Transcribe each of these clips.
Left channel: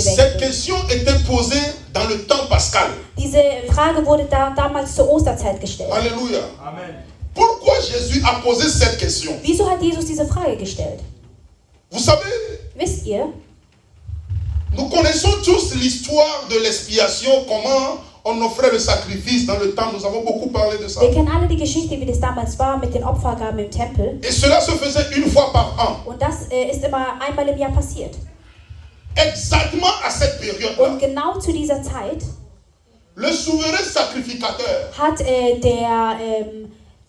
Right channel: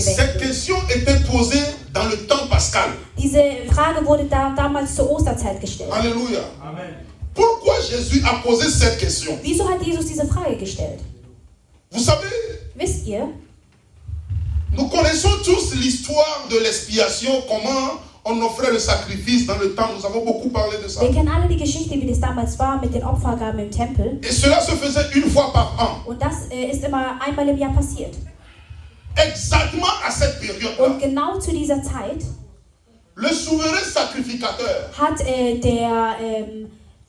Cette question était posée dans le temps pascal. Diese Frage wurde damals zur Osterzeit gestellt. Alléluia. Amen. Pourquoi Jésus a posé cette question? Wieso hat Jesus diese Frage gestellt? Vous savez, Wisst ihr, nous connaissons tous l'histoire de l'expiation, comment on offrait le sacrifice dans le temps. Nous avons beaucoup parlé de ça. wir kennen alle die Geschichte, wie das damals war mit den Opfergaben im Tempel. Et cela se faisait une fois par an. Und das ist immer einmal im Jahr passiert. Exactement à cette période-là, Und genau zu dieser Zeit le souverain sacrificateur, hat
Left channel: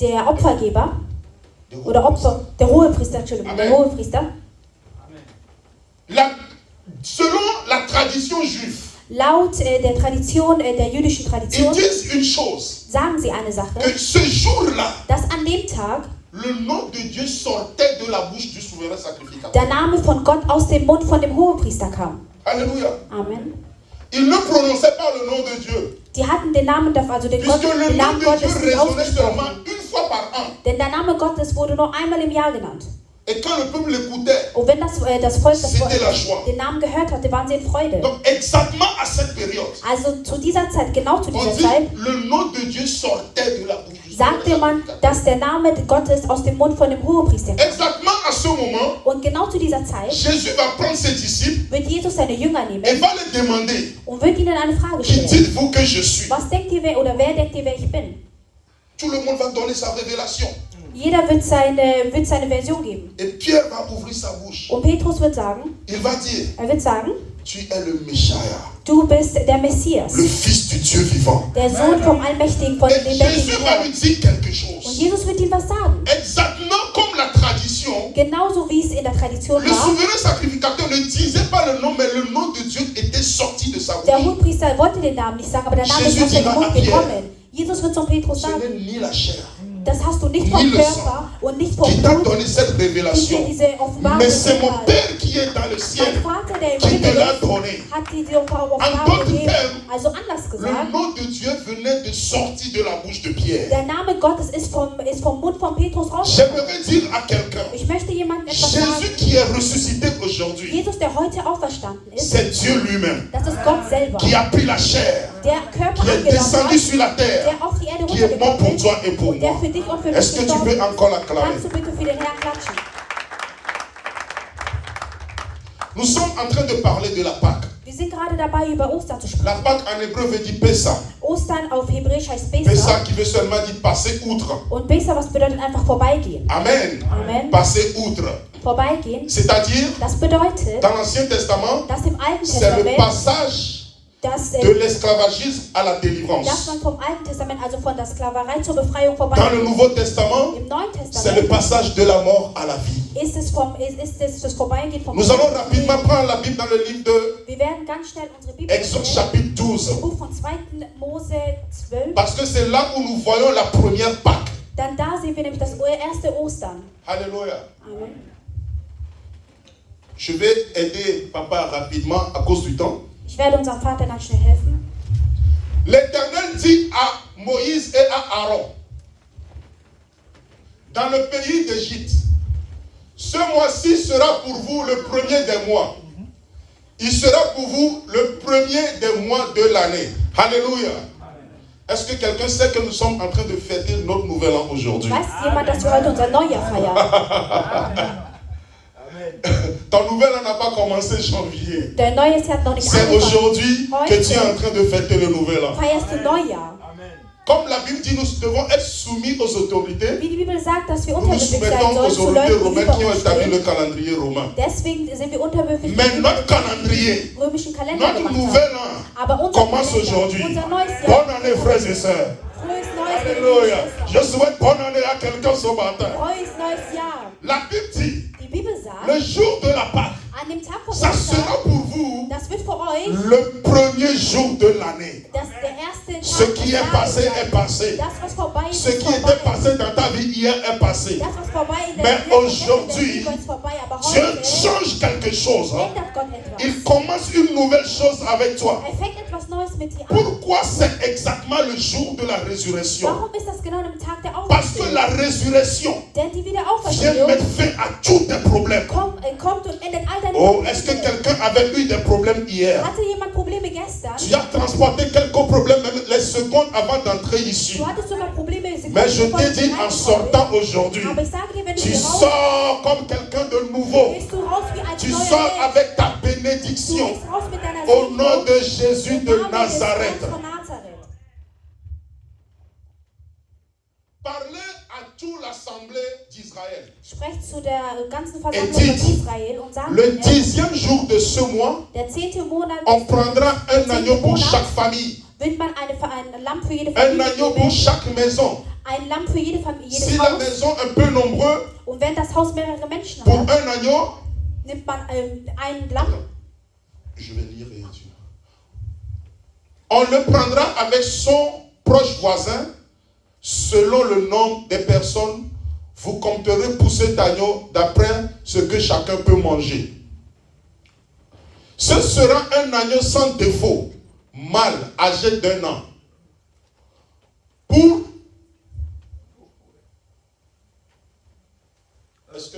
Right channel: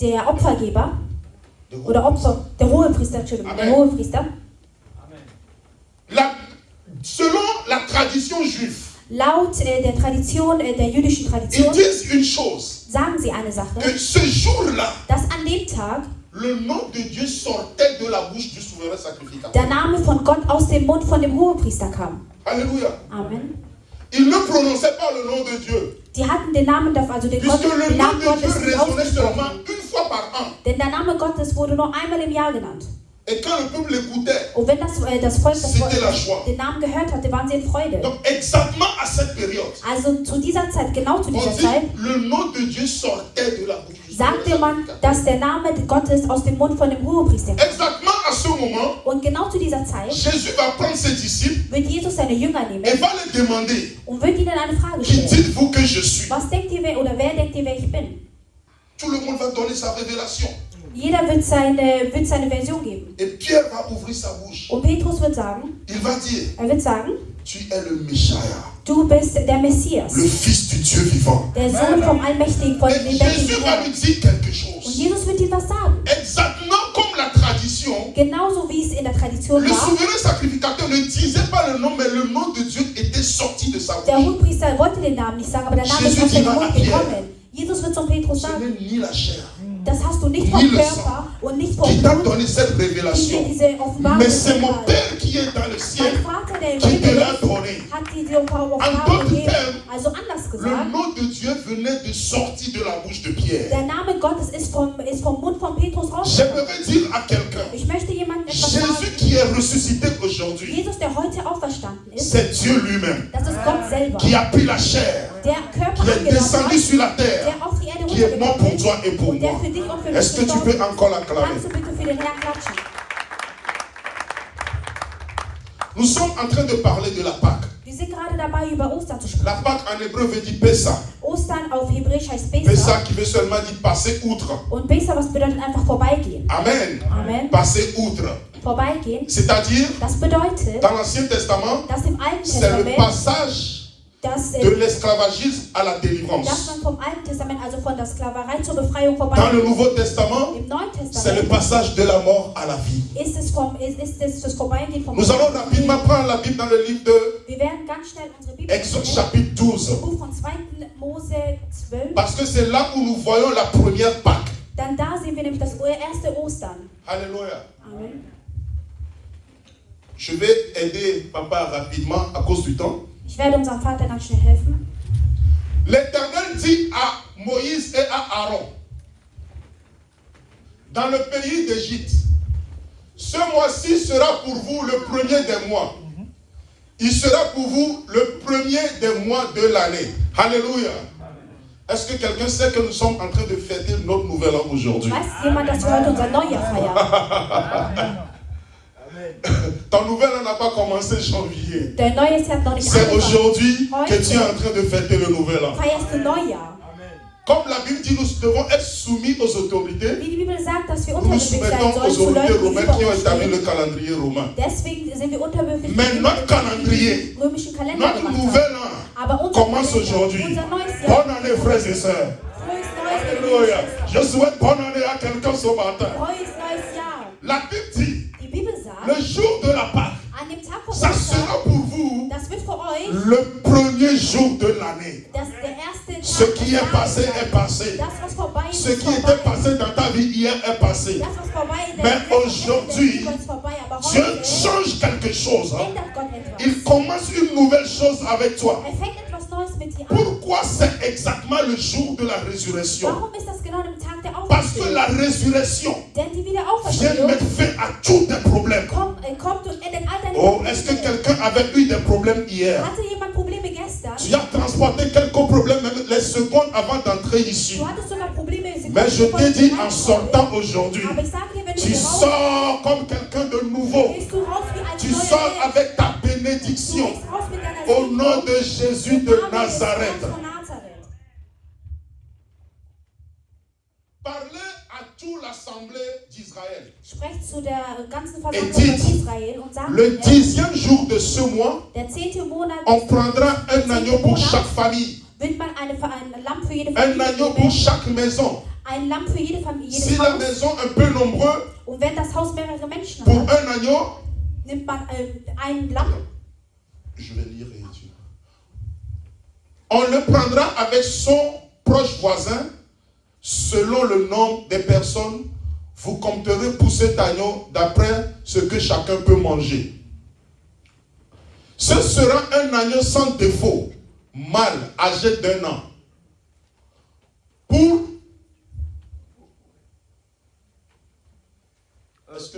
der Opfergeber oder der Hohepriester, Entschuldigung, der Hohepriester, selon la tradition juive, laut der Tradition, der jüdischen ils Tradition, disent une chose, sagen sie eine Sache, que ce jour-là, dass an dem Tag le nom de Dieu sortait de la bouche du souverain sacrificateur. der Name von Gott aus dem Mund von dem Hohepriester kam. Alléluia. Amen. Ils ne prononçaient pas le nom de Dieu, Die hatten den Namen dafür, also den, puisque le den nom Namen de Gottes Dieu nicht résonnait ausgesprochen. seulement une fois par an. Denn der Name Gottes wurde nur einmal im Jahr genannt. Et quand le peuple l'écoutait, Und wenn das Volk C'était la joie. den Namen gehört hatte, waren sie in Freude. donc exactement à cette période, Also zu dieser Zeit, genau zu on dieser dit Zeit, le nom de Dieu sortait de la bouche du souverain sagte man, sacrificateur. dass der Name Gottes aus dem Mund von dem Hohepriester kam. Exactement à ce moment, Und genau zu dieser Zeit Jésus va prendre ses disciples wird Jesus seine Jünger et nehmen va les demander, und wird ihnen eine Frage qui stellen. dites-vous que je suis? Was denkt ihr, wer denkt ihr, wer ich bin? Tout le monde va donner sa révélation. Jeder wird seine Version geben. Et Pierre va ouvrir sa bouche. Und Petrus wird sagen, Il va dire, er wird sagen, tu es le Messiah, du bist der Messias, le Fils du Dieu vivant. der Sohn vom Allmächtigen, von Et dem lebendigen Jésus va Herrn. lui dire quelque Und chose. Jesus wird ihm was sagen. Exactement comme la tradition, Genauso wie es in der Tradition le war. souverain sacrificateur ne disait pas le nom, mais le nom de Dieu était sorti de sa Der bouche. Hohepriester wollte den Namen nicht sagen, aber der Name ist Jesus aus dem dira Mund à Pierre, gekommen. Jesus wird zum Petrus Ce sagen, n'est ni la chair das hast du nicht vom ni le Körper sang und nicht vom qui t'a Blut, donné cette die dir révélation, diese Offenbarung mais c'est mon gegeben hat. Père qui est dans le ciel Dein Vater, der im qui te Himmel l'a ist, donné. hat diese Offenbarung En d'autres gegeben. termes, Also anders Le gesagt, nom de Dieu venait de sortir de la bouche de Pierre. der Name Gottes ist vom Mund von Petrus raus. J'aimerais dire à quelqu'un, Ich möchte jemandem etwas sagen. Jésus qui est ressuscité aujourd'hui, Jesus, der heute auferstanden ist, c'est Dieu lui-même das ist Gott selber. qui a pris la chair, Der Körper qui est angenommen descendu hat, sur la terre, der auf die Erde qui est mort pour runtergekommen toi et pour ist, der moi. für dich und für mich Est-ce que tu gestorben peux ist. encore l'acclamer? Kannst du bitte für den Herrn klatschen? Nous sommes en train de parler de la Pâque. Wir sind gerade dabei, über Ostern zu sprechen. La Pâque en hébreu veut dire Pessa. Ostern auf Hebräisch heißt Pessa Pesach. qui veut seulement dire passer outre. Und Pesach, was bedeutet einfach vorbeigehen? Amen. Amen. Passer outre. Vorbeigehen, C'est-à-dire, das bedeutet, dans l'Ancien Testament, dass im Alten c'est le Testament, passage dass, de l'esclavagisme à la dass délivrance. man vom Alten Testament, also von der Sklaverei zur Befreiung Dans le vorbeigeht. Nouveau Testament, Im Neuen c'est le Testament passage de la mort à la vie. ist es das Vorbeigehen vom Nous allons rapidement prendre la Bible dans le livre de Wir werden ganz schnell unsere Bibel Exode nehmen, chapitre 12. im Buch von 2. Mose 12. Parce que c'est là où nous voyons la première Pâque. Dann da sehen wir nämlich das erste Ostern. Alléluia. Amen. Je vais aider papa rapidement à cause du temps. Ich werde unserem Vater ganz schnell helfen. L'Éternel dit à Moïse et à Aaron, dans le pays d'Égypte, ce mois-ci sera pour vous le premier des mois. Il sera pour vous le premier des mois de l'année. Alléluia. Est-ce que quelqu'un sait que nous sommes en train de fêter notre nouvel an aujourd'hui? Weiß jemand, dass wir heute unser Neujahr feiern? Ton nouvel an n'a pas commencé janvier. Der Neues hat noch nicht C'est angefangen. aujourd'hui que tu es en train de fêter le nouvel an. Feierst du Neujahr? Comme la Bible dit, nous devons être soumis aux autorités. Wie die Bibel sagt, dass wir Nous nous unterwürfig sein soumettons sollen aux zu autorités Leuten, die romaines qui ont über uns établi stehen. le calendrier romain. Deswegen sind wir unterwürfig Mais dem notre calendrier, römischen Kalender notre gemacht haben. nouvel an Aber unser commence Kalender, aujourd'hui. unser neues Jahr, Bonne année, frères et sœurs. frohes neues Alléluia. Jahr. Je souhaite bonne année à quelqu'un ce matin. Frohes neues Jahr. La Bible dit, Die Bibel sagt, le jour de la Pâque, an dem Tag von ça Ostern, sera pour vous das wird für euch le premier jour de l'année. der erste Ce Tag qui des est Jahres passé sein. est passé. Das, was vorbei ist, Ce ist qui était vorbei. passé dans ta vie hier est passé. Das, was vorbei ist, Mais der aujourd'hui, ist vorbei. Aber Dieu heute change quelque chose. ändert Gott etwas. Il commence une nouvelle chose avec toi. Er fängt etwas Neues mit dir an. Pourquoi Pourquoi c'est exactement le jour de la résurrection? Warum ist das genau am Tag der Parce que Auferstehung? la résurrection Denn die vient Wiederauferstehung mettre fin à tous tes problèmes. kommt und endet all deine Oh, est-ce que Probleme. quelqu'un avait eu des problèmes hier? Hatte jemand Probleme gestern? Tu as transporté quelques problèmes même les secondes avant d'entrer ici. Du hattest sogar Probleme Mais je bevor t'ai du dit en reinkommst. sortant aujourd'hui, Aber ich sage dir, wenn du tu hier raus sors comme quelqu'un de nouveau. gehst, du raus wie ein Tu neuer sors Mensch. avec ta Du bénédiction. gehst raus mit deiner Au Segnung. nom de Jésus Im de Namen des Nazareth. Herrn von Nazareth. Parlez à toute l'assemblée d'Israël. Sprecht zu der ganzen Et Versammlung dites, von Israel und sagt, le 10e jour de ce mois, der 10. Monat on prendra un agneau pour chaque famille, wird man ein Lamm für jede un Familie agneau pour nehmen, chaque maison. ein Lamm für jede Familie, Si jedes la Haus. maison est un peu nombreuse, Und wenn das Haus mehrere Menschen pour hat, un agneau, nimmt man ein Lamm. je vais lire et dire. On le prendra avec son proche voisin, selon le nombre des personnes. Vous compterez pour cet agneau d'après ce que chacun peut manger. Ce sera un agneau sans défaut, mâle, âgé d'1 an. Pour... Est-ce que...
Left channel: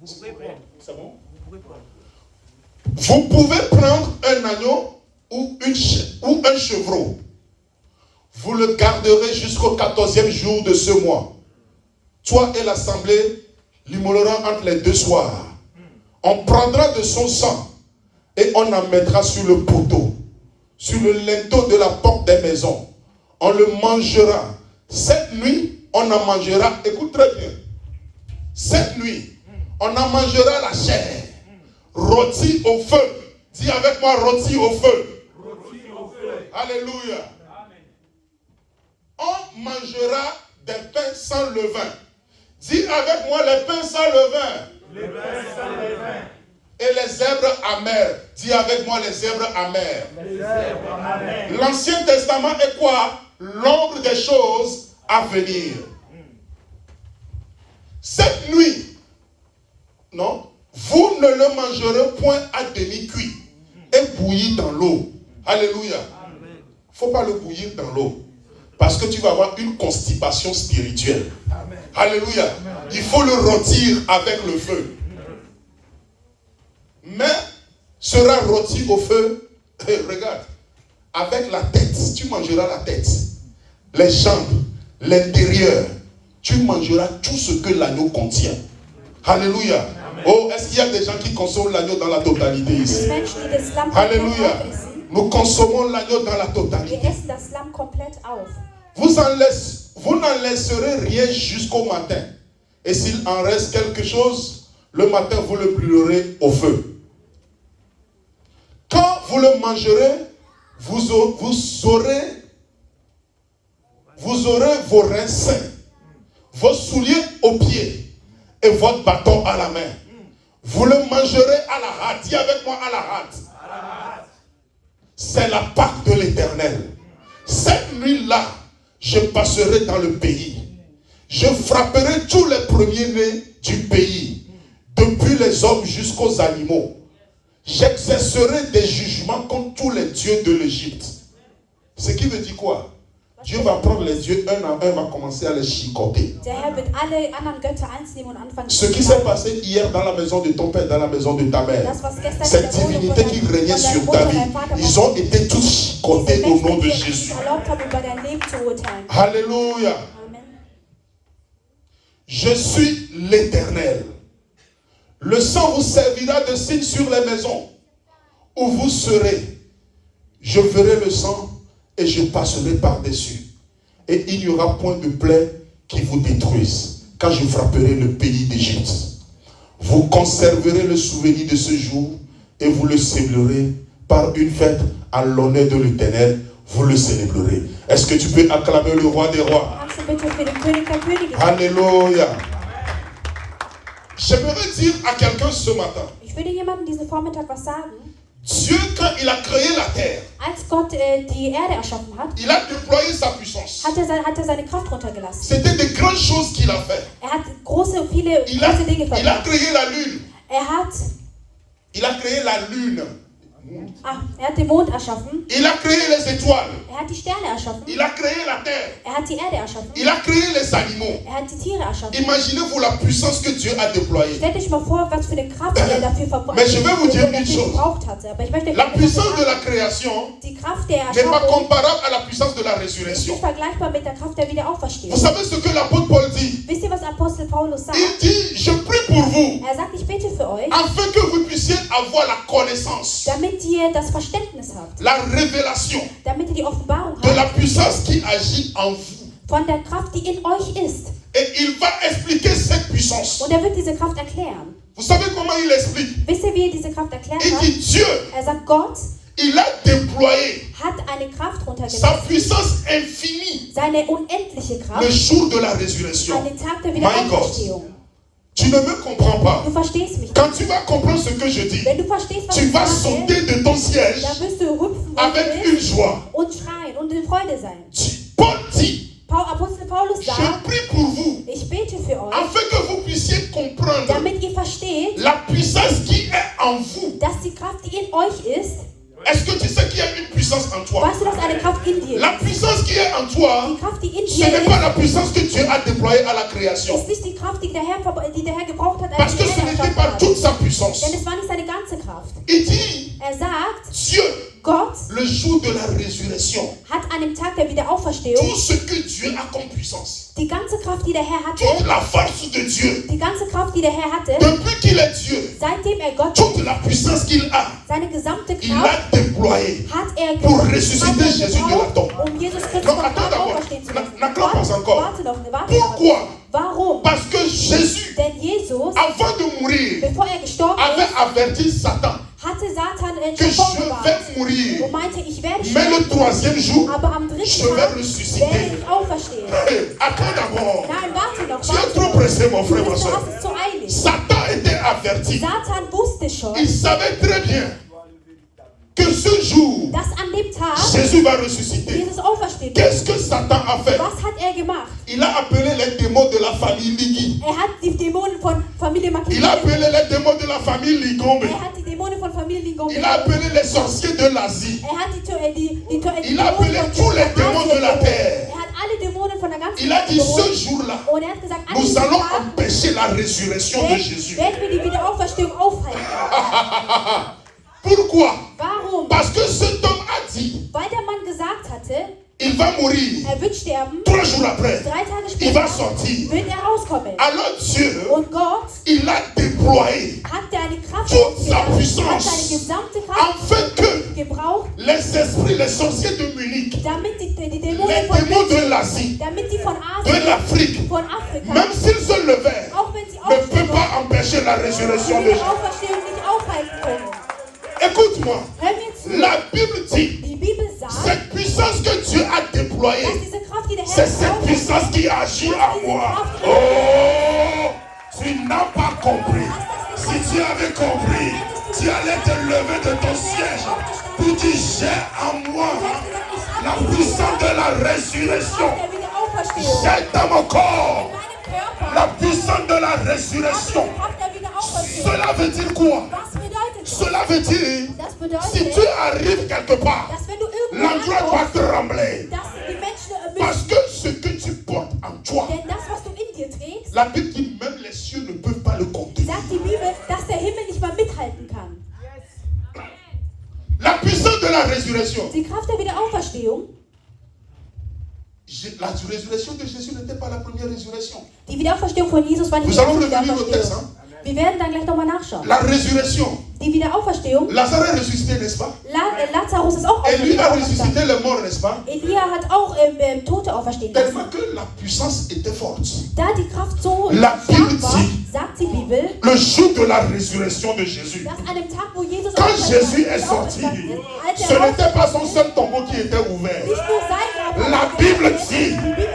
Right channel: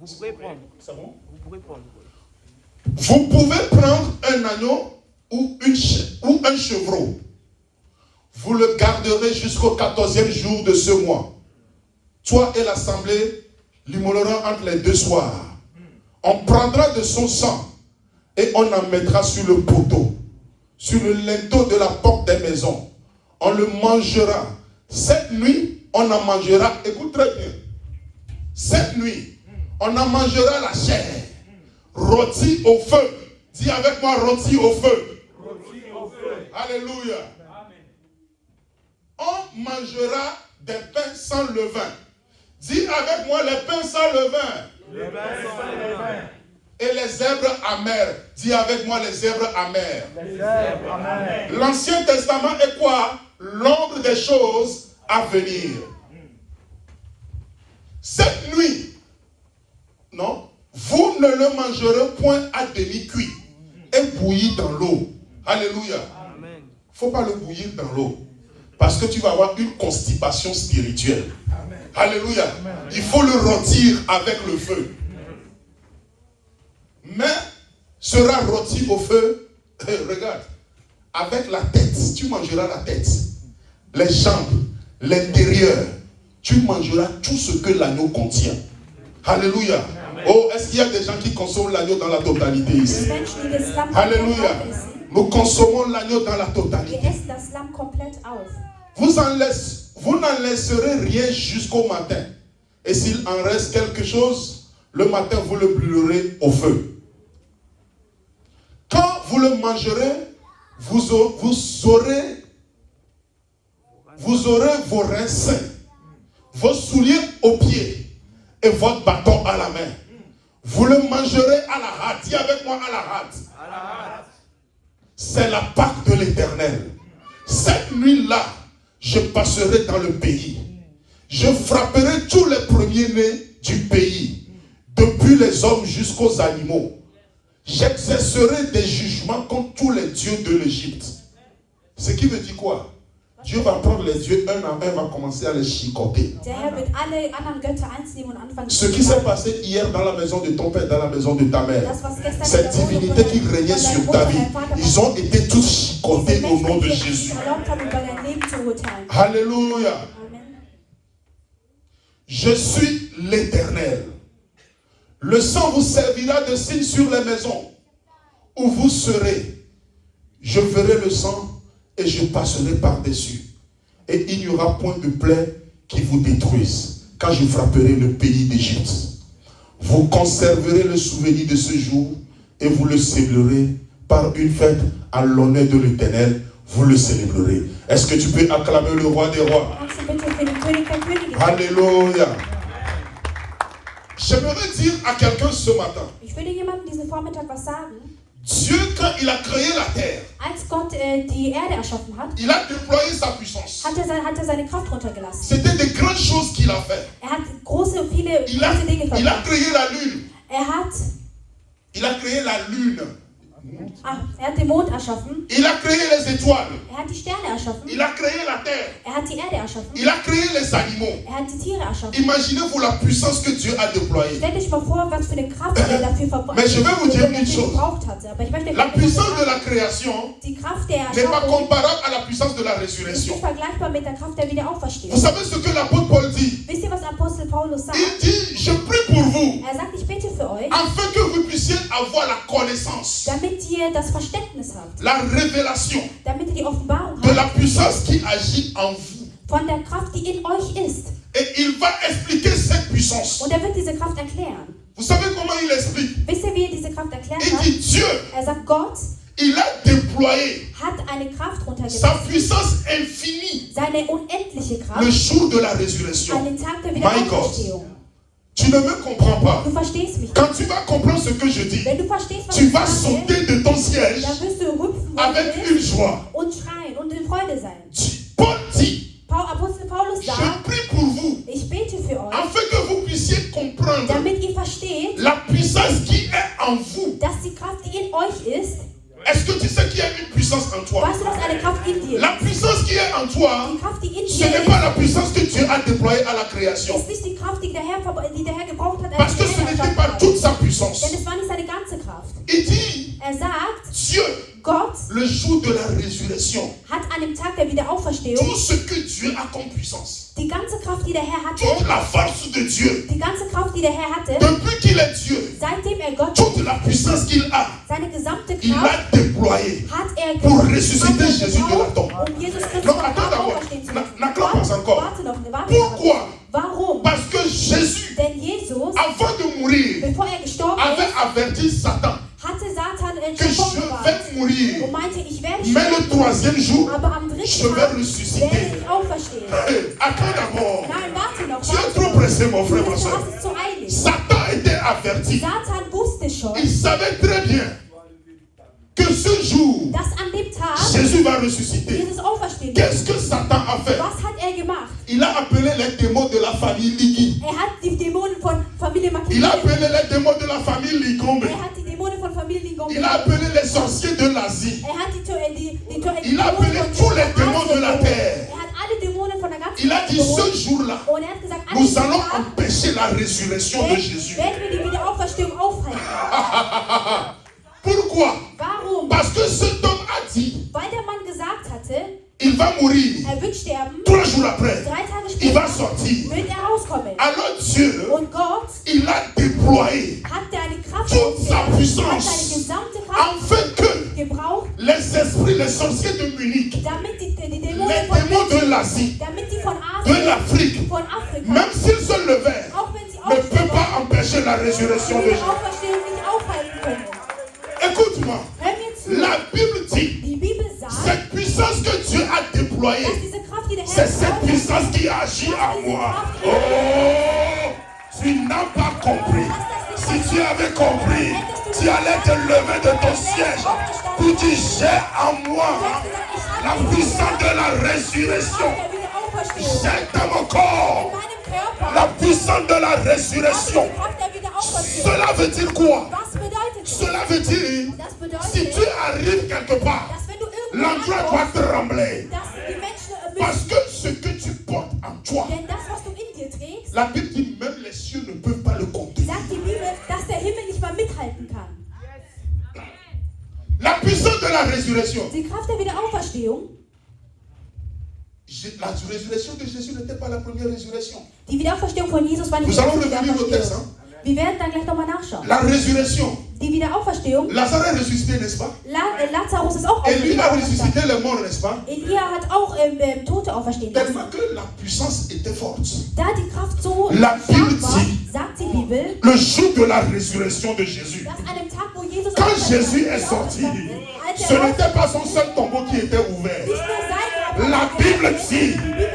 Vous pouvez prendre. C'est bon? Vous pouvez prendre. Vous pouvez prendre un agneau ou un chevreau. Vous le garderez jusqu'au 14e jour de ce mois. Toi et l'assemblée l'immoleront entre les 2 soirs. On prendra de son sang et on en mettra sur le poteau, sur le linteau de la porte des maisons. On le mangera. Cette nuit, on en mangera. Écoute très bien. Cette nuit, on en mangera la chair, rôti au feu. Dis avec moi, rôti au feu. Alléluia. On mangera des pains sans levain. Dis avec moi, les pains sans levain. Les pains sans levain. Et les zèbres amers. Dis avec moi, les zèbres amers. Les zèbres amers. L'Ancien Testament est quoi? L'ombre des choses à venir. Cette nuit, non, vous ne le mangerez point à demi-cuit et bouilli dans l'eau. Alléluia. Il ne faut pas le bouillir dans l'eau. Parce que tu vas avoir une constipation spirituelle. Amen. Alléluia. Il faut le rôtir avec le feu. Mais sera rôti au feu. Regarde. Avec la tête. Tu mangeras la tête. Les jambes. L'intérieur. Tu mangeras tout ce que l'agneau contient. Alléluia. Amen. Oh, est-ce qu'il y a des gens qui consomment l'agneau dans la totalité ici? Alléluia. Nous consommons l'agneau dans la totalité. Wir essen das Lamm komplett auf. Vous n'en laisserez rien jusqu'au matin. Et s'il en reste quelque chose, le matin, vous le brûlerez au feu. Quand vous le mangerez, vous aurez vos reins sains, vos souliers aux pieds et votre bâton à la main. Vous le mangerez à la hâte. Dis avec moi, à la hâte. C'est la Pâque de l'Éternel. Cette nuit-là, je passerai dans le pays. Je frapperai tous les premiers-nés du pays, depuis les hommes jusqu'aux animaux. J'exercerai des jugements contre tous les dieux de l'Égypte. Ce qui veut dire quoi? Dieu va prendre les dieux un à un, va commencer à les chicoter. Ce qui s'est passé hier dans la maison de ton père, dans la maison de ta mère, cette divinité qui régnait sur ta vie, ils ont été tous chicotés au nom de Jésus. Alléluia. Je suis l'Éternel. Le sang vous servira de signe sur les maisons où vous serez. Je verrai le sang et je passerai par-dessus. Et il n'y aura point de plaie qui vous détruise quand je frapperai le pays d'Égypte. Vous conserverez le souvenir de ce jour et vous le célébrerez par une fête à l'honneur de l'Éternel. Vous le célébrerez. Est-ce que tu peux acclamer le roi des rois? Alléluia. J'aimerais dire à quelqu'un ce matin. Ich würde jemandem diesen Vormittag was sagen. Dieu, quand il a créé la terre, Als Gott die Erde erschaffen hat, il a déployé sa puissance. hat er seine Kraft runtergelassen. C'était de grandes choses qu'il a fait. Er hat viele Il Dinge a verbracht. créé la lune. Er hat den Mond erschaffen. Il a créé les étoiles. Er hat die Sterne erschaffen. Il a créé la terre. Er hat die Erde erschaffen. Il a créé les animaux. Er hat die Tiere erschaffen. Imaginez-vous la puissance que Dieu a déployée. Stellt euch mal vor, was für eine Kraft er dafür Mais je vais vous dire une dafür chose. gebraucht hatte. Aber ich möchte La puissance de la création die Kraft der n'est pas Erschaffung comparable à la puissance de la ist résurrection. nicht vergleichbar mit der Kraft der Vous Wiederauferstehung. savez ce que l'apôtre Paul dit? Wisst ihr, was Apostel Paulus sagt? Il dit, je prie pour vous, Er sagt, ich bete für euch, afin que vous puissiez avoir la connaissance, damit ihr das Verständnis habt, la révélation damit ihr die Offenbarung de habt la puissance qui agit en vous. von der Kraft, die in euch ist. Et il va expliquer cette puissance. Und er wird diese Kraft erklären. Vous savez comment il explique? Wisst ihr, wie er diese Kraft erklären Il kann? dit, Dieu, Er sagt, Gott il a déployé hat eine Kraft sa runtergelassen, puissance infinie seine unendliche le Kraft, jour de la résurrection. an den Tag der My God. Wiederauferstehung. Tu ne me comprends pas. Du verstehst mich. Quand tu vas comprendre ce que je dis, Wenn du verstehst, was tu ich vas sage, sauter de ton siège dann wirst du hüpfen avec une joie. und schreien und in Freude sein. Paul dit, Apostel Paulus je sagt, prie pour vous, ich bete für euch, afin que vous puissiez comprendre damit ihr versteht, la puissance qui est en vous. dass die Kraft, die in euch ist, Est-ce que tu sais qu'il y a une puissance en toi? weißt du, dass eine Kraft in dir La ist? puissance qui est en toi, Die Kraft, die in ce dir n'est ist, pas la puissance que Dieu a déployée à la création. ist nicht die Kraft, die der Herr gebraucht hat, Parce als que er die ce Erde n'était erschaffen pas hat. toute sa puissance. Denn es war nicht seine ganze Kraft. Il dit, Er sagt, Dieu, Gott le jour de la résurrection, hat an dem Tag der Wiederaufverstehung tout ce que Dieu a comme puissance, die ganze Kraft, die der Herr hatte, toute la force de Dieu, die ganze Kraft, die der Herr hatte, depuis qu'il est Dieu, seitdem er Gott toute la puissance qu'il a, seine gesamte il Kraft l'a déployée hat er pour ressusciter Jésus de la tombe. um Jesus Christus Non, von attends Grab d'abord. auferstehen zu lassen. N'acclamons encore. Warte noch, warte noch. Pourquoi? Warum? Parce que Jésus, Denn Jesus, avant de mourir, bevor er gestorben avait ist, averti Satan hatte Satan que schon je vorgewarnt vais mourir, und meinte, ich werde mais le sterben, troisième jour, aber am je dritten vais Tag ressusciter. werde ich auferstehen. Hey, attends d'abord. Nein, warte noch, Tu es warte trop noch. pressé, mon frère, ma Du soeur. hast es zu eilig. Satan était averti. Satan wusste schon, Il savait très bien que ce jour, dass an dem Tag Jésus va ressusciter. Jesus auferstehen wird. Qu'est-ce que Satan a fait? Was hat er gemacht? Il a appelé les démons de la famille Ligi. Er hat die Dämonen von Familie Il a Makini. appelé les démons de la famille Ligombe. Er hat die Dämonen von Familie Ligombe. Il a appelé les sorciers de l'Asie. Er hat die Il a appelé tous les démons de la terre. Er hat alle Dämonen von der ganzen Il a dit Welt ce jour-là, und er hat gesagt, an nous diesem allons Tag empêcher la résurrection de Jésus. werden wir die Wiederauferstehung aufhalten. Pourquoi? Warum? Parce que cet homme a dit, Weil der Mann gesagt hatte, il va mourir. er wird sterben, 3 jours après, 3 Tage il va später sortir. wird er rauskommen. Alors Dieu, Und Gott il a déployé hat deine Kraft toute sa ausgesetzt, hat puissance deine gesamte Kraft afin que gebraucht, les esprits, les sorciers de Munich, damit die les Dämonen von démons de München, l'Asie, damit die von de Asien, l'Afrique, von Afrika, même s'ils se levaient, auch wenn sie ne peuvent aufstehen, pas empêcher la résurrection die de Jésus. Auferstehung nicht aufhalten können. Écoute-moi, Hör mir zu. la Bible dit, Die Bibel sagt, cette puissance que Dieu a dass déployée, diese Kraft, die der c'est Herr cette gebraucht puissance qui agit en moi. Oh, tu n'as pas compris. Si tu avais compris, tu allais te lever de ton siège pour dire, j'ai en moi la puissance de la résurrection. der Wiederauferstehung. J'ai dans mon corps In meinem Körper la puissance de la résurrection. Kraft der Wiederauferstehung. Cela veut dire quoi? Was bedeutet das? Cela veut dire, Das bedeutet, si tu arrives quelque part, dass wenn du l'endroit irgendwo va trembler. dass die Menschen Parce que ce que tu portes en toi, denn das, was du in dir trägst, la Bible dit même les cieux ne peuvent pas le contenir. sagt die Bibel, dass der Himmel nicht mal mithalten kann. La puissance de la résurrection. Die Kraft der Wiederauferstehung, La résurrection de Jésus n'était pas la première résurrection. die Wiederauferstehung von Jesus war nicht Nous die allons erste revenir au texte. Wiederauferstehung. Wir werden dann gleich nochmal nachschauen. La résurrection. Die Wiederauferstehung, Lazare est ressuscité, n'est-ce pas? Lazarus ist auch Et lui a auferstanden. ressuscité les morts, n'est-ce pas? Elia hat auch Tote auferstehen lassen. Tellement que la puissance était forte. Da die Kraft so La stark Bible war, dit, sagt die Bibel, le jour de la résurrection de Jésus, dass an dem Tag, wo Jesus quand auferstanden Jésus ist, est sorti, als ce er n'était pas son seul tombeau qui était ouvert. nicht nur sein Grab, La Bible dit, die Bibel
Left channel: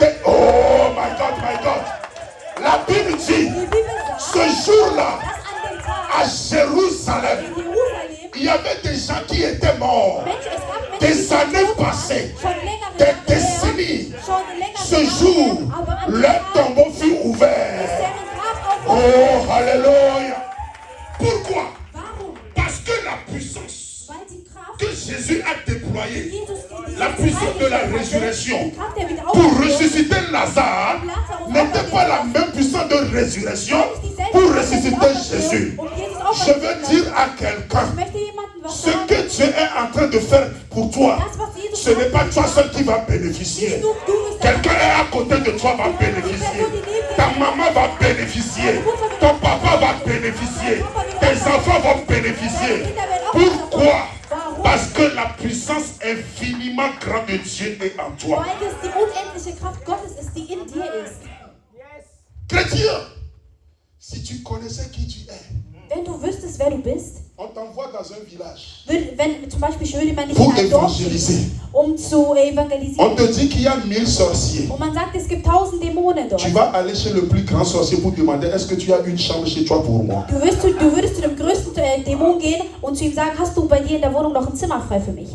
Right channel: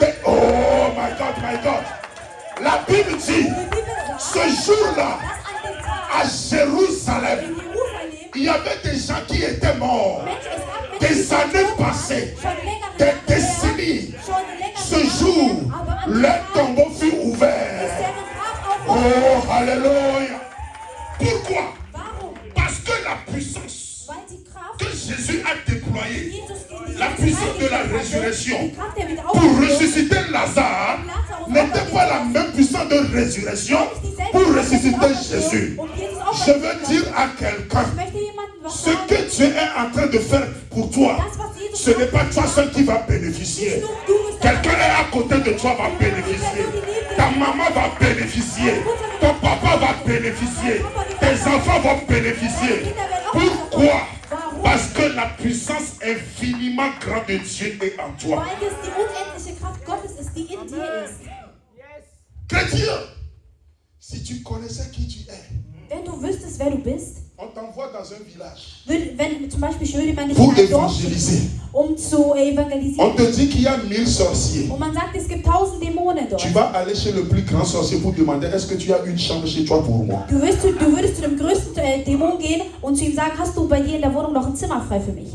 sagt, oh my God, my God. La Bible dit, die Bibel sagt, ce jour-là, dass an dem Tag à Jérusalem, in Jerusalem il y avait des gens qui étaient morts. Menschen, es gab Des Menschen, années passées, schon länger des décennies. schon länger Ce jour, aber an dem leur Tag tombeau fut ist ouvert. deren Grab Oh, aufgehoben. alléluia. Pourquoi? Warum? Parce que la puissance Weil die Kraft, que Jésus a déployée déployée, la puissance de la résurrection pour ressusciter Lazare n'était pas la même puissance de résurrection pour ressusciter Jésus. Je veux dire à quelqu'un, ce que Dieu est en train de faire pour toi, ce n'est pas toi seul qui va bénéficier. Quelqu'un est à côté de toi va bénéficier. Ta maman va bénéficier. Ton papa va bénéficier. Tes enfants vont bénéficier. Pourquoi? Parce que la puissance infiniment grande de Dieu est en toi. Weil es die unendliche Kraft Gottes ist, die in dir ist. Chrétien, si tu connaissais qui tu es, Wenn du wüsstest, wer du bist, on t'envoie dans un village wenn zum Beispiel ich würde man nicht pour in ein Dorf évangéliser. schicken, zu On evangelisieren. te dit qu'il y a 1000 sorciers. Und man sagt, es gibt 1000 Dämonen dort. Tu vas aller chez le plus grand sorcier pour demander est-ce que tu as une chambre chez toi pour moi? Du würdest zu dem größten Dämon gehen und zu ihm sagen, hast du bei dir in der Wohnung noch ein Zimmer frei für mich?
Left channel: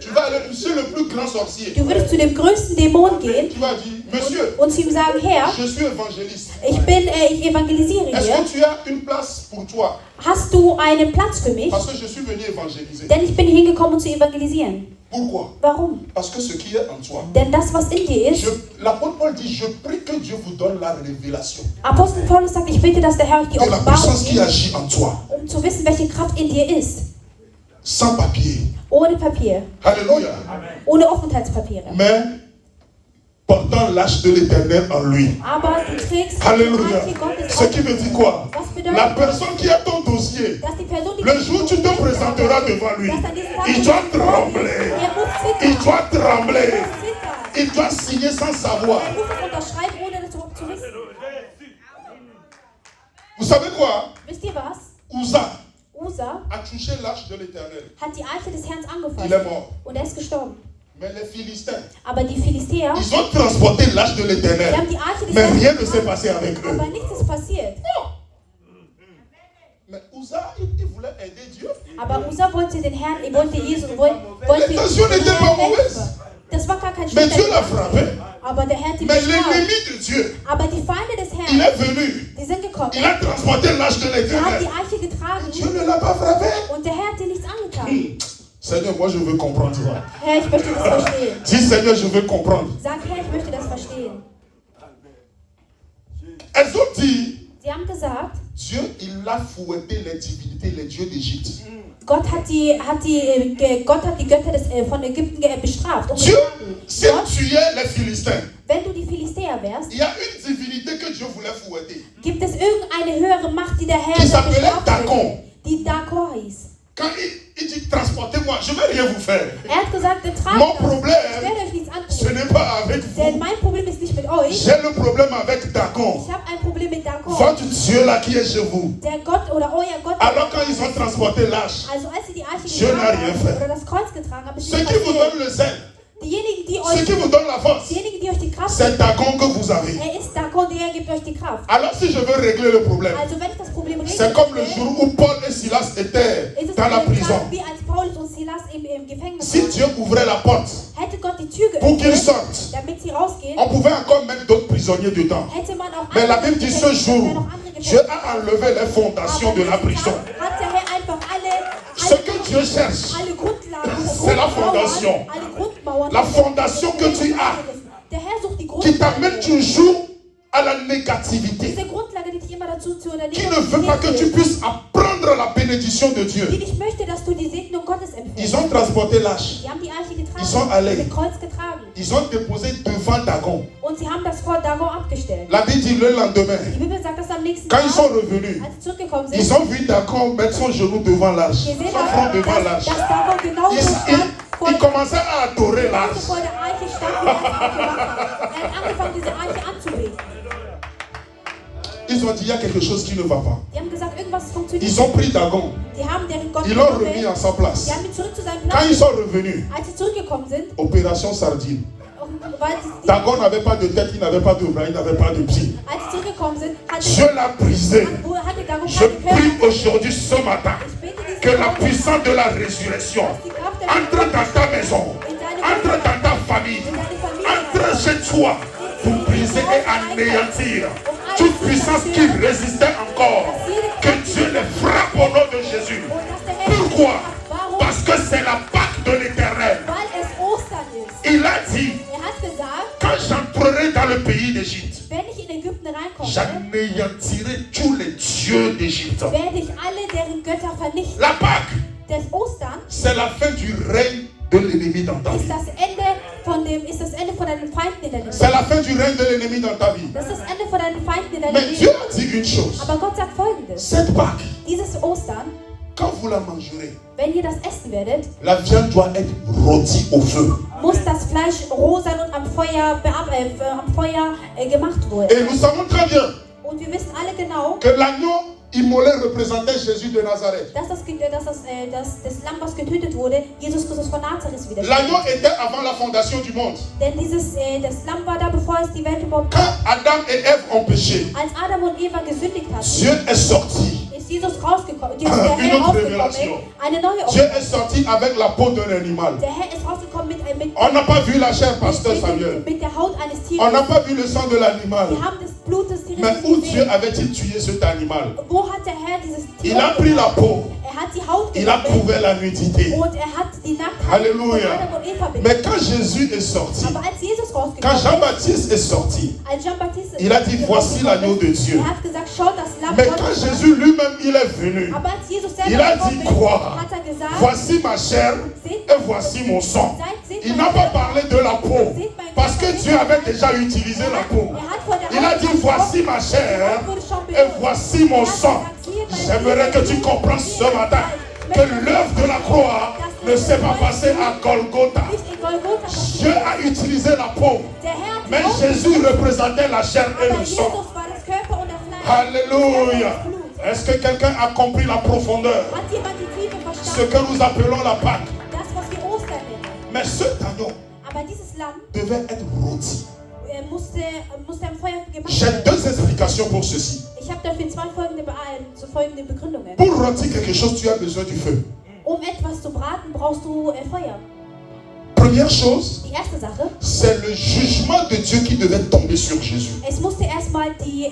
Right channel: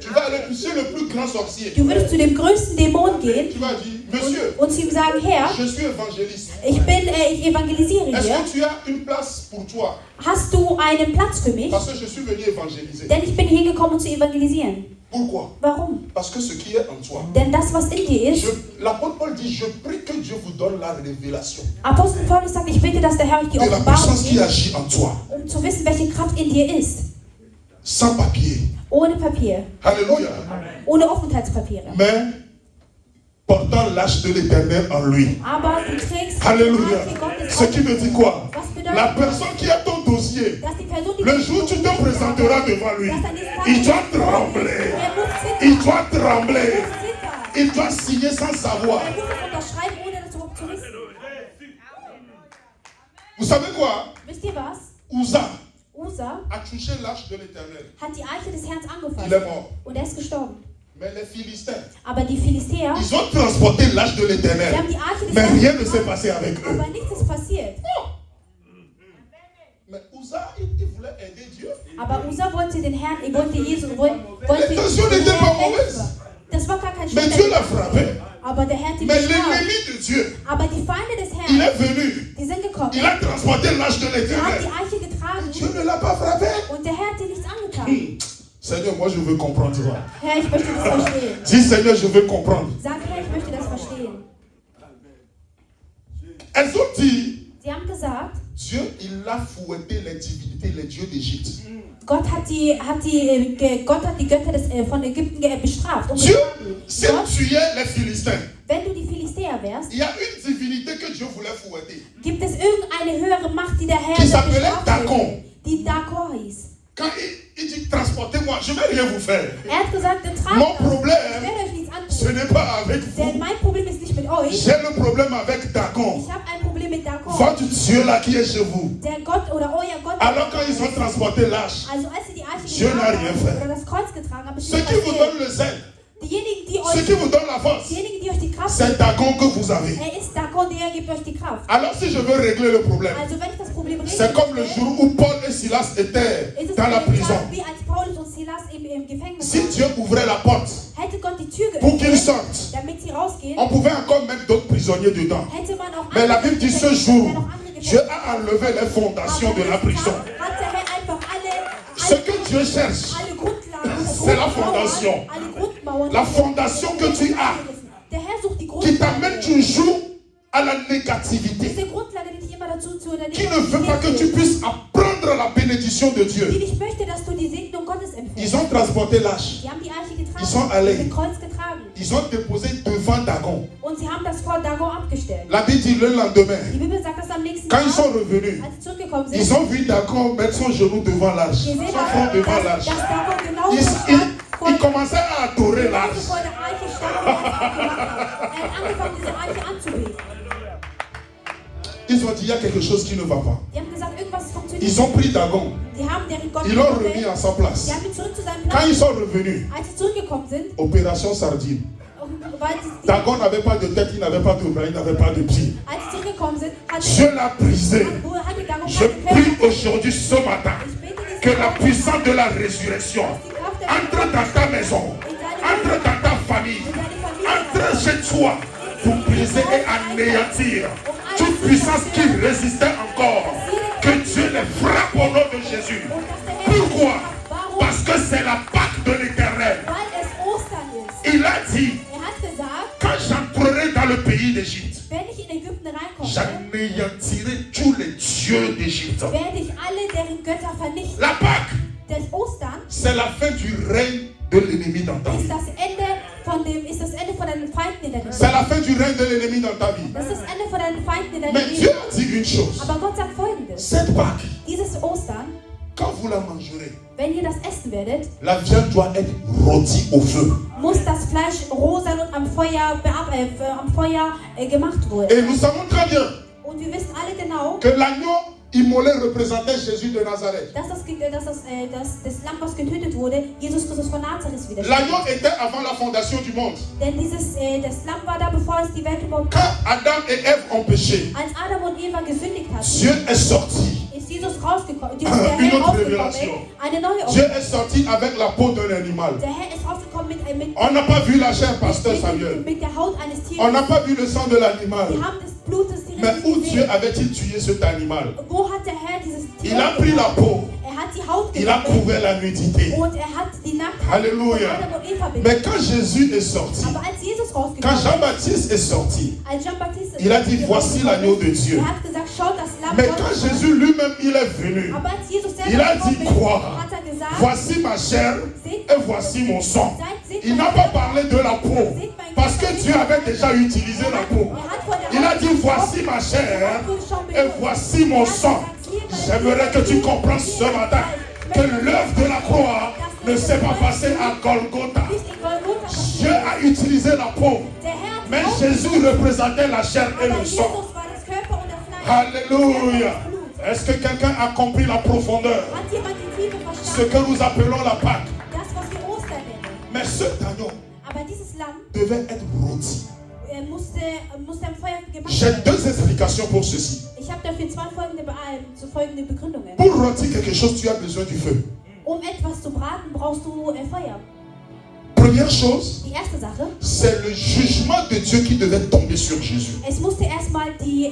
Tu vas aller chez le plus grand sorcier. Du würdest zu dem größten Dämon gehen Tu vas dire monsieur, und zu ihm sagen, Herr, je suis évangéliste. ich evangelisiere Est-ce hier. que tu as une place pour toi? Hast du einen Platz für mich? Parce que je suis venu évangéliser. Denn ich bin hingekommen, um zu evangelisieren. Pourquoi? Warum? Parce que ce qui est en toi. Denn das, was in dir ist, L'apôtre Paul dit, je prie que Dieu vous donne la révélation Apostel Paulus sagt, ich bitte, dass der Herr euch die de la Offenbarung puissance qui gibt, agit en toi. um zu wissen, welche Kraft in dir ist. Sans papier. Ohne Papier, Alléluia. ohne Aufenthaltspapiere. Mais portant l'âge de l'éternel en lui. Aber du trägst Alléluia. die Gottes Ce qui veut dire quoi? Was bedeutet La personne qui a ton dossier, dass die Person, die le jour où tu te présenteras devant lui, il doit trembler. Il doit trembler. Il doit signer sans savoir. unterschreiben, ohne das überhaupt zu wissen. Vous savez quoi? Wisst ihr was? Uza Usa a touché l'âge de l'éternel. hat die Arche des Herrn Il est angefasst mort. und er ist gestorben. Mais les Philistins, Aber die Philistäer, ils ont transporté l'âge de die l'éternel. haben die Arche des Mais Herrn rien ne s'est passé avec eux. aber nichts ist passiert. Mais Uza, il voulait aider Dieu. Aber Usa wollte den Herrn, wollte Jesus, wollte L'intention n'était pas mauvaise. Das war gar kein Mais Dieu schlechter l'a frappé. aber der Herr hat ihn Mais bestraft. l'ennemi de Dieu, Aber die Feinde des il Herrn, est venu. die sind gekommen, Il a transporté l'âge de sie haben l'éternel. die Arche getragen Dieu ne l'a pas frappé. und der Herr hat sie nichts angetan. Seigneur, moi je veux comprendre. Herr, ich möchte das verstehen. Dis Seigneur, je veux comprendre. Sag, Herr, ich möchte das verstehen. Elles ont dit, Sie haben gesagt, Dieu, il a fouetté les divinités, les dieux d'Égypte. Gott hat die Götter von Ägypten bestraft. Dieu, si tu es les Philistins, Wenn du die Philistäer wärst, il y a une divinité que Dieu voulait fouetter. gibt es irgendeine höhere Macht, die der Herr Qui s'appelait bestraft Dagon. hat, die Dakor hieß. Quand il dit transportez-moi, je ne vais rien vous faire. Er hat gesagt, der tragt Mon das. Ich problème, werde euch nichts ce antun. n'est pas avec Denn vous. mein Problem ist nicht mit euch. J'ai le problème avec Dagon. Ich habe ein Problem mit Dakor. Votre Dieu là qui est chez vous. Der Gott oder euer Gott. Alors quand ils ont transporté l'âge, Also als sie die Arche Dieu n'a rien fait. oder das Kreuz getragen haben, ist ce nichts qui vous passiert. donne le zèle, Diejenigen, die ce qui euch, vous donne la force, diejenigen, die euch die Kraft c'est geben, Dagon que vous avez. er ist Dakor, der gibt euch die Kraft. Alors si je veux régler le problème, Also wenn ich das Problem c'est comme le jour où Paul et Silas étaient ist es dans la so prison. wie als Paulus und Silas im Gefängnis Si waren. Dieu ouvrait la porte Hätte Gott die Tür pour qu'ils geöffnet, sortent, damit sie rausgehen, on pouvait encore mettre d'autres prisonniers dedans. hätte man auch Mais la andere Bible dit ce Gefängnisse, jour, wäre noch andere Dieu Gefängnisse. a enlevé les fondations de la prison. Hat der Herr einfach Ce que Dieu cherche, alle Grundlagen, c'est la fondation. alle Grundmauern, La fondation que tu as, der Herr sucht die qui t'amène Grundlage, toujours à la négativité, diese Grundlage, die dich immer dazu zu oder qui ne veut pas que tu puisses apprendre la bénédiction de die Dieu. nicht möchte, dass du die Segnung Gottes Ils empfängst. ont transporté l'âge, Die haben die Arche getragen, Ils sont allés. das Kreuz getragen ils ont déposé devant Dagon. und sie haben das vor Dagon abgestellt. La Bible dit le lendemain, Die Bibel sagt, dass am nächsten quand ils Tag, sont revenus, als sie zurückgekommen ils sind, ont vu Dagon mettre son genou devant l'âge, gesehen son haben, front devant dass l'âge. Dagon genau Il, stand il commençait à adorer l'âge. vor der Arche stand. Er hat angefangen, diese Arche anzubeten. Ils ont dit il y a quelque chose qui ne va pas. Die haben gesagt, irgendwas funktioniert. Ils ont pris Dagon, Die haben deren Gott ils l'ont gewählt. remis à sa place. Die haben ihn zurück zu seinem Quand Platz. ils sont revenus, Als sie zurückgekommen sind, opération sardine. weil sie, Dagon n'avait pas de tête, il n'avait pas de bras, il n'avait pas de pieds. als sie zurückgekommen sind, Dieu l'a brisé. hatte Dagon Je keine prie Körper. aujourd'hui, ce matin, Ich bete diesen que la Tag, puissance de la résurrection die Kraft der entre dans ta maison, entre dans ta famille, entre chez toi, pour briser et anéantir toute puissance qui résistait encore. Que Dieu les frappe au nom de Jésus. Pourquoi? Parce que c'est détruite. werde ich alle deren Götter vernichten. La Pâque, Das Ostern c'est la fin du règne de l'ennemi dans ta ist vie. das Ende von deinen Feinden in deinem C'est Leben. la fin du règne de l'ennemi dans ta vie. Das ist das Ende von deinen Feinden in deinem Mais Dieu Leben. a dit une chose. Aber Gott sagt Folgendes. Cette Pâque, Dieses Ostern, quand vous la mangerez, wenn ihr das essen werdet, la viande doit être rôtie au feu. muss das Fleisch rosa und am Feuer, gemacht werden. Et nous savons très bien Und wir wissen alle genau, que l'agneau immolé représentait Jésus de Nazareth. dass das Lamm, was getötet wurde, Jesus Christus von Nazareth L'agneau widerspiegelt. était avant la fondation du monde. Denn das Lamm war da, bevor es die Welt überhaupt Quand gab. Adam et Ève ont péché, Als Adam und Eva gesündigt hatten, Dieu est sorti. ist Jesus rausgekommen. Der Une Herr autre rausgekommen. révélation. Eine neue Dieu Offenbarung. est sorti avec la peau d'un animal. Der Herr ist rausgekommen mit On n'a pas vu la chair, pasteur Samuel. der Haut eines Tieres. On n'a pas vu le sang de l'animal. Wir haben das Blut des Tieres Mais nicht où Dieu gesehen. avait-il tué cet animal? Wo hat der Herr dieses Tier Il a pris la peau. Er hat die Haut Il a genommen trouvé la nudité. und er hat die Nacktheit Alléluia. von Adam und Eva Mais bedeckt. quand Jésus est sorti, Aber als Jesus quand rausgekommen ist, Jean-Baptiste est sorti, als Jean-Baptiste il a dit, voici l'agneau de Dieu. er hat gesagt, schau das Lamm Mais quand Gottes. Jésus lui-même, il est venu, Aber als Jesus selber il a dit gekommen ist, quoi? hat er gesagt, Voici ma chair et voici mon sang. Il n'a pas parlé de la peau, parce que Dieu avait déjà utilisé la peau. Il a dit, voici ma chair et voici mon sang. J'aimerais que tu comprennes ce matin que l'œuvre de la croix ne s'est pas passée à Golgotha. nicht in Golgotha. Dieu a utilisé la peau, Der Herr hat mais die Haut Jésus représentait la chair et aber le Jesus sang. war das Körper und das Fleisch. Alléluia. Est-ce que quelqu'un a compris la profondeur? Hat jemand die Tiefe Ce verstanden? que nous appelons la Pâque. Das, was wir Ostern nennen. Mais cet agneau Aber dieses Lamm devait être rôti. musste am Feuer gemacht J'ai werden. deux explications pour ceci. Ich habe dafür folgende Begründungen. Pour rôtir quelque chose, tu as besoin du feu. Etwas zu braten, brauchst du Feuer. Première chose, Die erste Sache, c'est le jugement de Dieu qui devait tomber sur Jésus. es musste erstmal die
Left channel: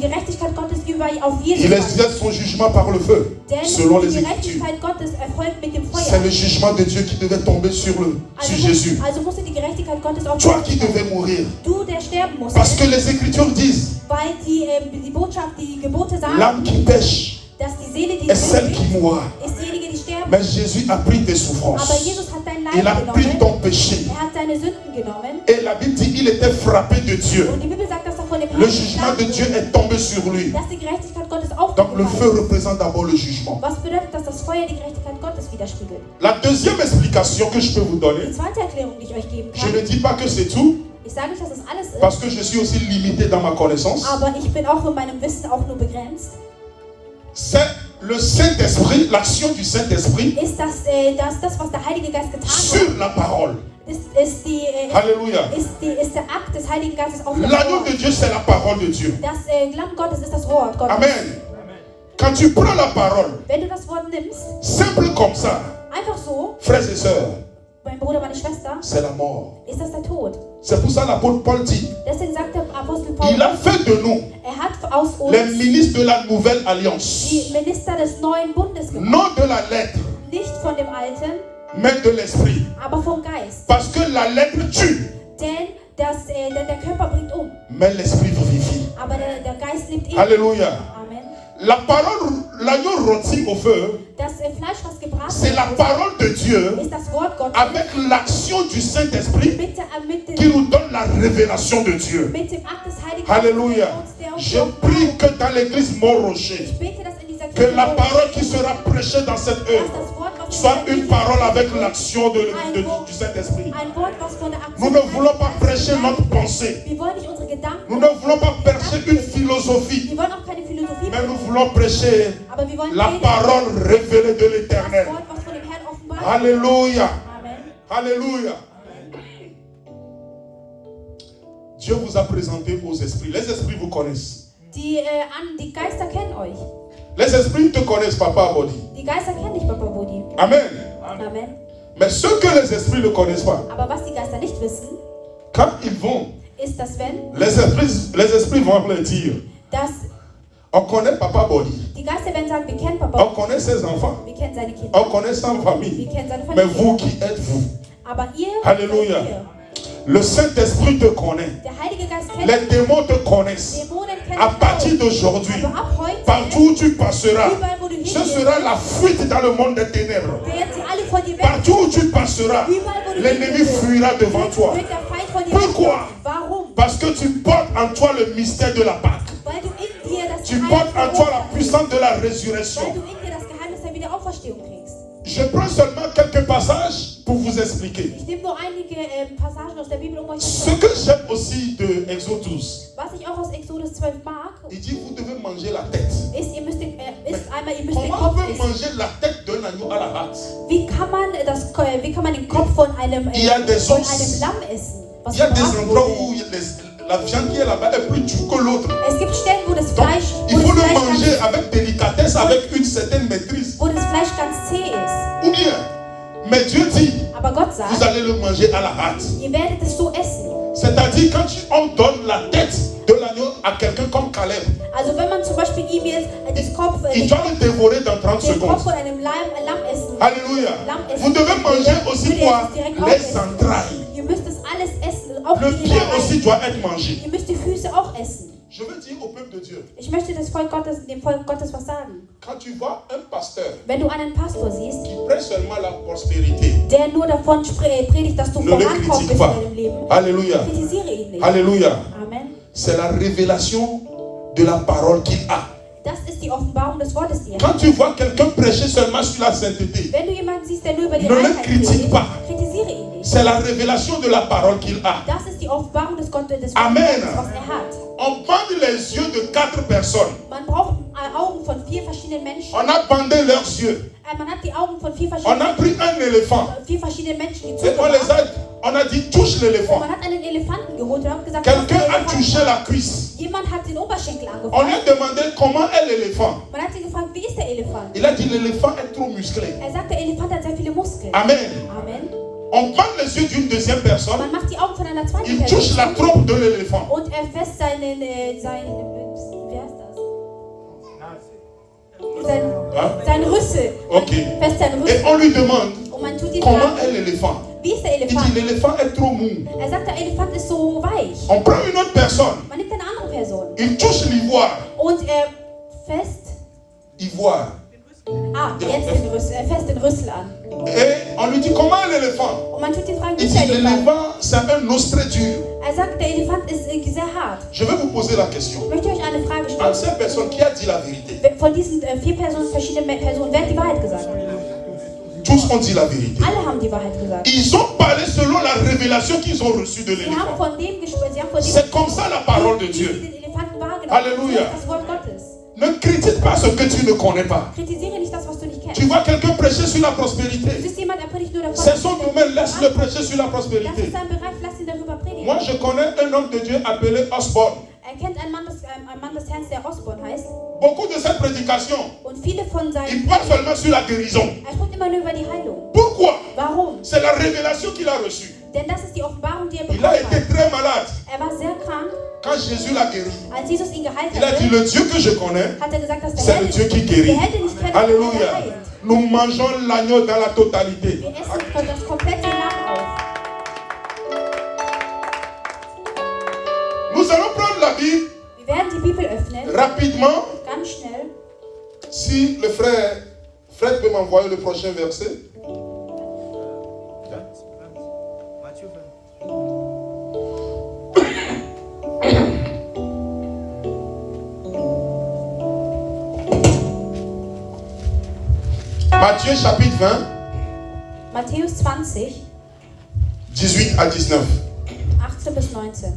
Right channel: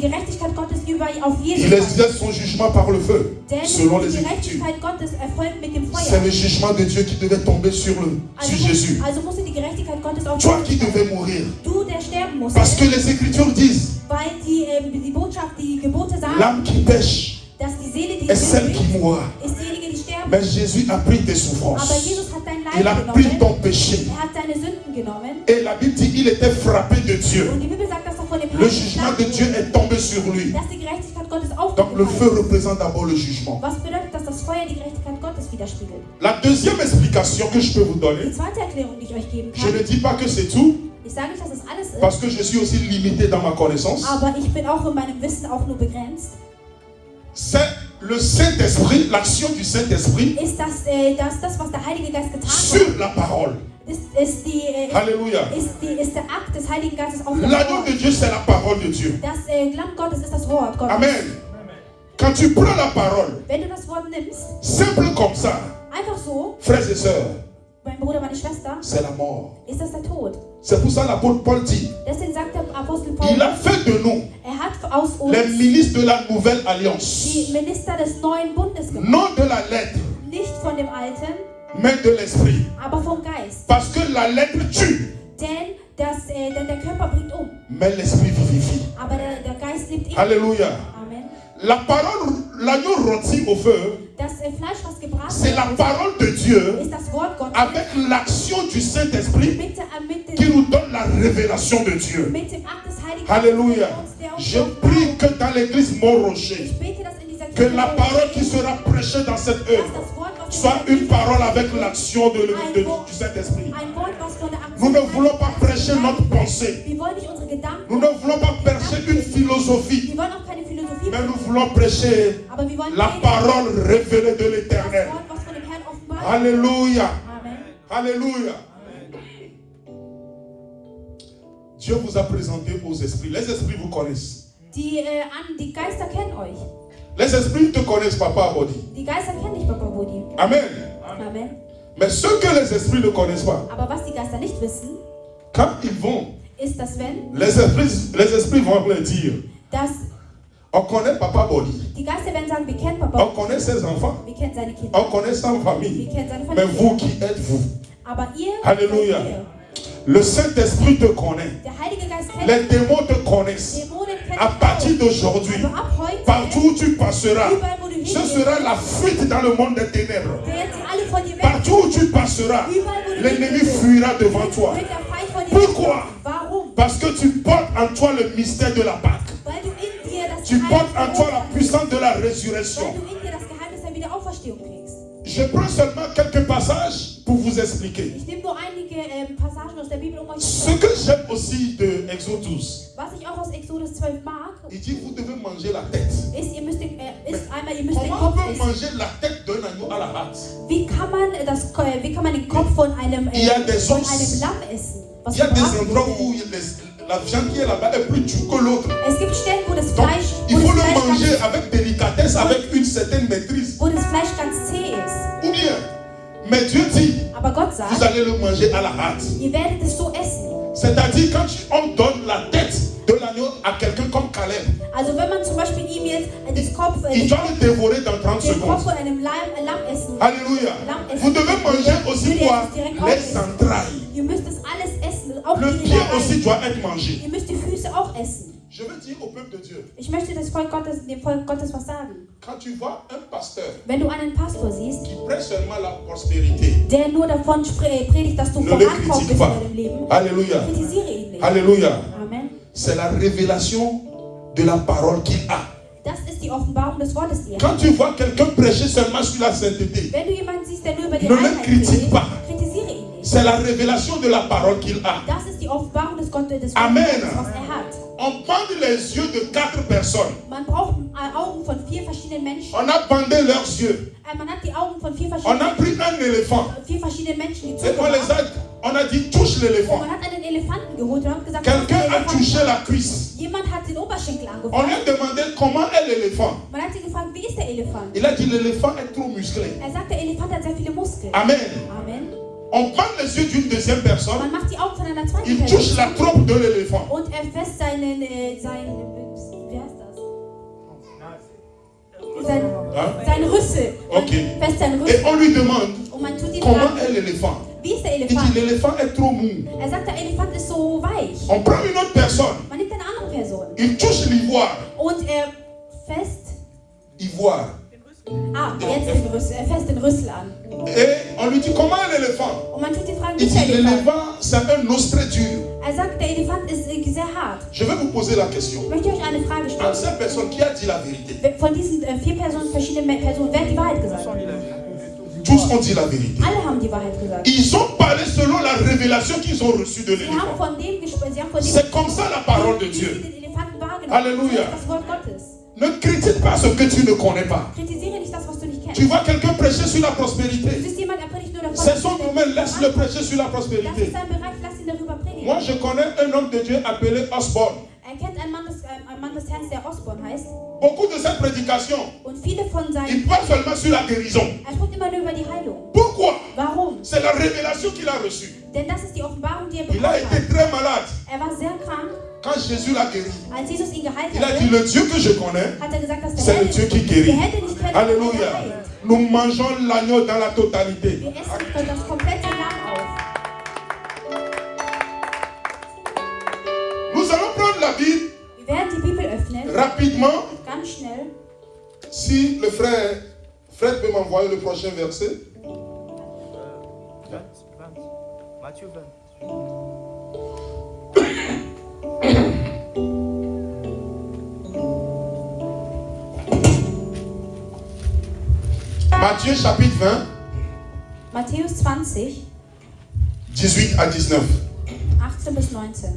Gerechtigkeit Gottes auf Il Jesus exerce son jugement par le feu, Denn selon die les Écritures. Gerechtigkeit Gottes erfolgt mit dem C'est Feuer. le jugement de Dieu qui devait tomber sur Jésus. Also musste die Gerechtigkeit Gottes auf Toi qui devais mourir. du, der sterben musst. Parce que les Écritures disent, Weil die Botschaft, die Gebote sagen, l'âme qui pêche dass die Seele, die est celle qui sündigt, mourra. ist diejenige, die sterben. Mais Jésus a pris tes Aber souffrances. Jesus hat dein Il Leid a pris genommen. ton péché. Er hat deine Sünden genommen. Et la Bible dit qu'il était frappé de Dieu. Und die Bibel sagt, dass er von dem Le Herrn jugement de Dieu est tombé sur lui. dass die Gerechtigkeit Gottes Donc le aufgenommen feu hat. représente d'abord le jugement. Was bedeutet, dass das Feuer die Gerechtigkeit Gottes widerspiegelt? La deuxième explication que je peux vous Die donner, zweite Erklärung, die ich euch geben je ne kann, dis pas que c'est tout, ich sage nicht, dass es alles ist, parce que je suis aussi limité dans ma connaissance, aber ich bin auch in meinem Wissen auch nur begrenzt, c'est le Saint-Esprit, l'action du Saint-Esprit ist das, was der Heilige Geist getan sur hat, la parole. Alléluia. ist der Akt des Heiligen Geistes auf der L'agneau de Dieu, c'est la parole de Dieu. Das Lamm Gottes ist das Wort Gottes. Amen. Quand tu prends la parole, Wenn du das Wort nimmst, simple comme ça, einfach so, frères et sœurs, mein Bruder, meine Schwester, c'est la mort. ist das der Tod. C'est pour ça l'apôtre Paul dit, Deswegen sagt der Apostel il a Paulus, fait de nous hat aus uns les ministres de la nouvelle alliance. die Minister des neuen Bundes gemacht. Non de la lettre, Nicht von dem Alten, mais de l'esprit. aber vom Geist. Parce que la lettre tue, Denn der Körper bringt mais l'esprit vivifie. aber der Geist lebt ewig. Alléluia. Amen. La parole, l'agneau rôti au feu, Das Fleisch, was gebraten c'est la parole de Dieu ist das Wort Gottes avec l'action du Saint-Esprit mit qui nous donne la révélation de Dieu. dem Akt des Heiligen Alléluia. Geistes, Je prie que dans l'église Mont-Rocher, Ich bete, dass in dieser que la parole qui sera prêchée dans cette œuvre soit une parole avec l'action du Saint-Esprit. ein Wort, was von der Nous Aktion ne voulons pas prêcher notre pensée. Wir wollen nicht unsere Gedanken, Nous ne voulons pas prêcher une philosophie. wir wollen auch keine Philosophie, Mais nous voulons prêcher aber wir wollen la predigen, parole révélée de das l'Éternel. Wort, was von dem Herrn offenbart wird. Alléluia. Amen. Alléluia. Dieu vous a présenté aux esprits. Les esprits vous connaissent. Die Geister kennen euch. Les esprits te connaissent, Papa Abodi. Die Geister kennen dich, Papa Bodi. Amen. Amen. Mais ce que les esprits ne connaissent pas, Aber was die Geister nicht wissen, quand ils vont, ist, dass wenn les esprits vont leur dire, dass on connaît Papa Bodi, die Geister werden sagen, wir kennen on Papa, connaît ses enfants, wir kennen seine Kinder, on connaît sa famille. wir kennen seine Mais Familie. vous, qui êtes-vous? Aber ihr, Alléluia. ihr, Le Saint-Esprit te connaît. der Heilige Geist kennt Les démons te connaissent. Dämonen kennen À partir d'aujourd'hui, aber ab heute Partout où tu passeras, Überall, wo du ce hingehst, sera la fuite dans le monde des ténèbres. werden sie alle von dir weg. Partout où tu passeras, l'ennemi fuira devant toi. Wird der Feind von dir Pourquoi? wegfliehen. Warum? Parce que tu portes en toi le mystère de la Pâque. Weil du in dir das Tu portes en Geheimnis toi der la puissance de la Weil résurrection. du in dir das Geheimnis der Wiederauferstehung trägst. Je prends seulement quelques passages pour vous expliquer. Ich nehme nur einige Passagen aus der Bibel, um euch zu Ce sagen. que j'aime aussi de Exodus, Was ich auch aus Exodus 12 mag, il dit vous devez manger la tête. ist, ihr müsst den Comment on Kopf peut essen. manger la tête d'un agneau à la hâte? Wie kann man den Kopf von einem Il y a des Lamm os. essen? Was Il y a des gebraten endroits wurde? où la viande qui est là-bas est plus dure que l'autre. Es gibt Stellen, wo das Donc, Fleisch, il wo faut das le Fleisch manger avec délicatesse, avec une certaine maîtrise. ganz zäh ist. Ou bien, mais Dieu dit, Aber Gott vous sagt, allez le manger à la hâte. ihr werdet es so essen. C'est-à-dire quand on donne la tête de l'agneau à quelqu'un comme Caleb, Also wenn man zum Beispiel ihm jetzt das Kopf, il doit le dévorer dans 30 den Kopf secondes. von einem Lamm essen. Alléluia. Lamm essen. Vous devez manger aussi Würde er quoi? es direkt Les aufessen. entrailles. Ihr müsst das alles essen. Auch Le die pied Innereien. aussi doit être mangé. Ihr müsst die Füße auch essen. Je veux dire au peuple de Dieu, Ich möchte dem Volk Gottes was sagen. quand tu vois un pasteur Wenn du einen Pastor siehst, qui prêche seulement la prospérité, der nur davon predigt, dass du ne le vorankommst critique in pas. deinem Leben, Alléluia. kritisiere ihn nicht. Alléluia. Amen. C'est la révélation de la parole qu'il a. Das ist die Offenbarung des Wortes, die er Quand hat. tu vois quelqu'un prêcher seulement sur la sainteté, Wenn du jemanden siehst, der nur über die Ne le Reinheit critique predigt, pas. kritisiere ihn nicht. c'est la révélation de la parole qu'il a. Das ist die Offenbarung des Gottes, des Amen. Wortes, was er hat. On bande les yeux de 4 personnes. Man braucht Augen von 4 verschiedenen Menschen. On a bandé leurs yeux. Man hat die Augen von 4 On verschiedenen a pris un éléphant. Menschen, die Et on zugehört. on a dit touche l'éléphant. Man hat einen Elefanten geholt und hat gesagt, Quelqu'un "Was a ist der touché Elefant?" la cuisse. Jemand hat den Oberschenkel On angefasst. lui a demandé comment est l'éléphant. Man hat ihn gefragt, wie ist der Elefant? Il a dit l'éléphant est trop musclé. Er sagt, der Elefant hat sehr viele Muskeln. Amen. Amen. On prend les yeux d'une deuxième personne. Man macht die Augen von einer zweiten Il touche la Person trompe de l'éléphant. und er fässt sein Rüssel. Ok. Fässt seinen Et Rüssel. on lui demande Und man tut ihn comment fragen, est l'éléphant. wie ist der Il dit Elefant? l'éléphant est trop mou. Er sagt, der Elefant ist so weich. On prend une autre personne. Man nimmt eine andere Person Il touche l'ivoire. und er fässt, Ivoire. er fässt den Rüssel an. Et on lui dit comment est l'éléphant. Und man tut ihn fragen, wie Il ist dit der Elefant? l'éléphant c'est un os très dur. Er sagt, der Elefant ist sehr hart. Je vais vous poser la question. Ich möchte euch eine Frage Entre stellen. ces personnes qui a dit la vérité. Von diesen 4 Personen, verschiedenen Personen, wer hat die Wahrheit gesagt? Tous ont dit la vérité. Alle haben die Wahrheit gesagt. Ils ont parlé selon la révélation qu'ils ont reçue de Sie haben l'éléphant. von dem gesprochen, sie haben von dem C'est comme ça la parole de wie Dieu. sie den Elefanten wahrgenommen. Alléluia. Das ist das Wort Gottes. Ne critique pas ce que tu ne connais pas. Kritisiere nicht das, was du nicht kennst. Tu vois quelqu'un prêcher sur la Du prospérité. siehst jemand, der predigt nur davon. C'est son domaine, laisse-le prêcher sur la Das prospérité. ist sein Bereich, lass ihn darüber predigen. Moi, je connais un homme de Dieu appelé Osborne. Er kennt einen Mann des Herrn, der Osborn heißt. Beaucoup de cette prédication, Und viele von seinen il parle seulement sur la guérison. er spricht immer nur über die Heilung. Pourquoi? Warum? C'est la révélation qu'il a reçue. Denn das ist die Offenbarung, die er Il a bekommen été hat. très malade. Er war sehr krank. Quand Jésus l'a guéri, Als Jesus ihn geheilt il a hatte, dit le Dieu que je connais, hat er gesagt, dass c'est le Dieu qui guérit. der Herr, den ich kenne, Alléluia. der heilt. Nous mangeons l'agneau dans la totalité. Wir essen das komplette Lamm auf. Nous allons prendre la Bible Wir werden die Bibel öffnen, rapidement. ganz schnell. Si le frère Fred peut m'envoyer le prochain verset. Matthieu 20. Matthieu chapitre 20, Matthäus 20, 18 à 19. 18 bis 19.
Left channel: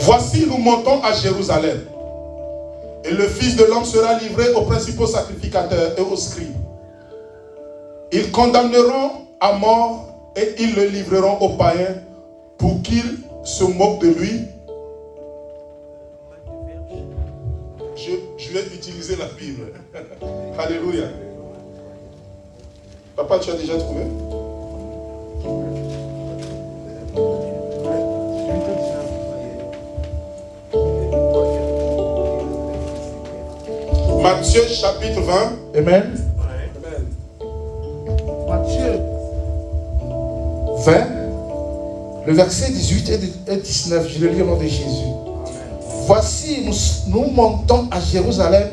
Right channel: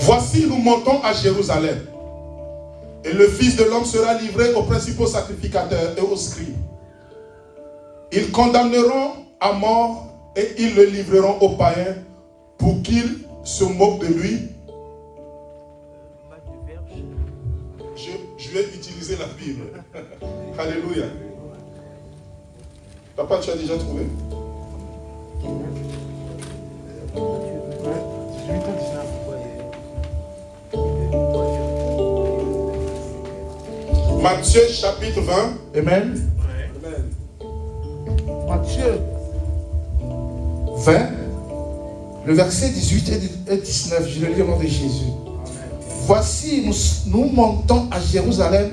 Voici, nous montons à Jérusalem. Et le Fils de l'homme sera livré aux principaux sacrificateurs et aux scribes. Ils condamneront à mort et ils le livreront aux païens pour qu'ils se moquent de lui. Je vais utiliser la Bible. Alléluia. Papa, tu as déjà trouvé? Matthieu chapitre 20. Amen. Matthieu 20. Le verset 18 et 19, je le lis au nom de Jésus. Voici, nous montons à Jérusalem,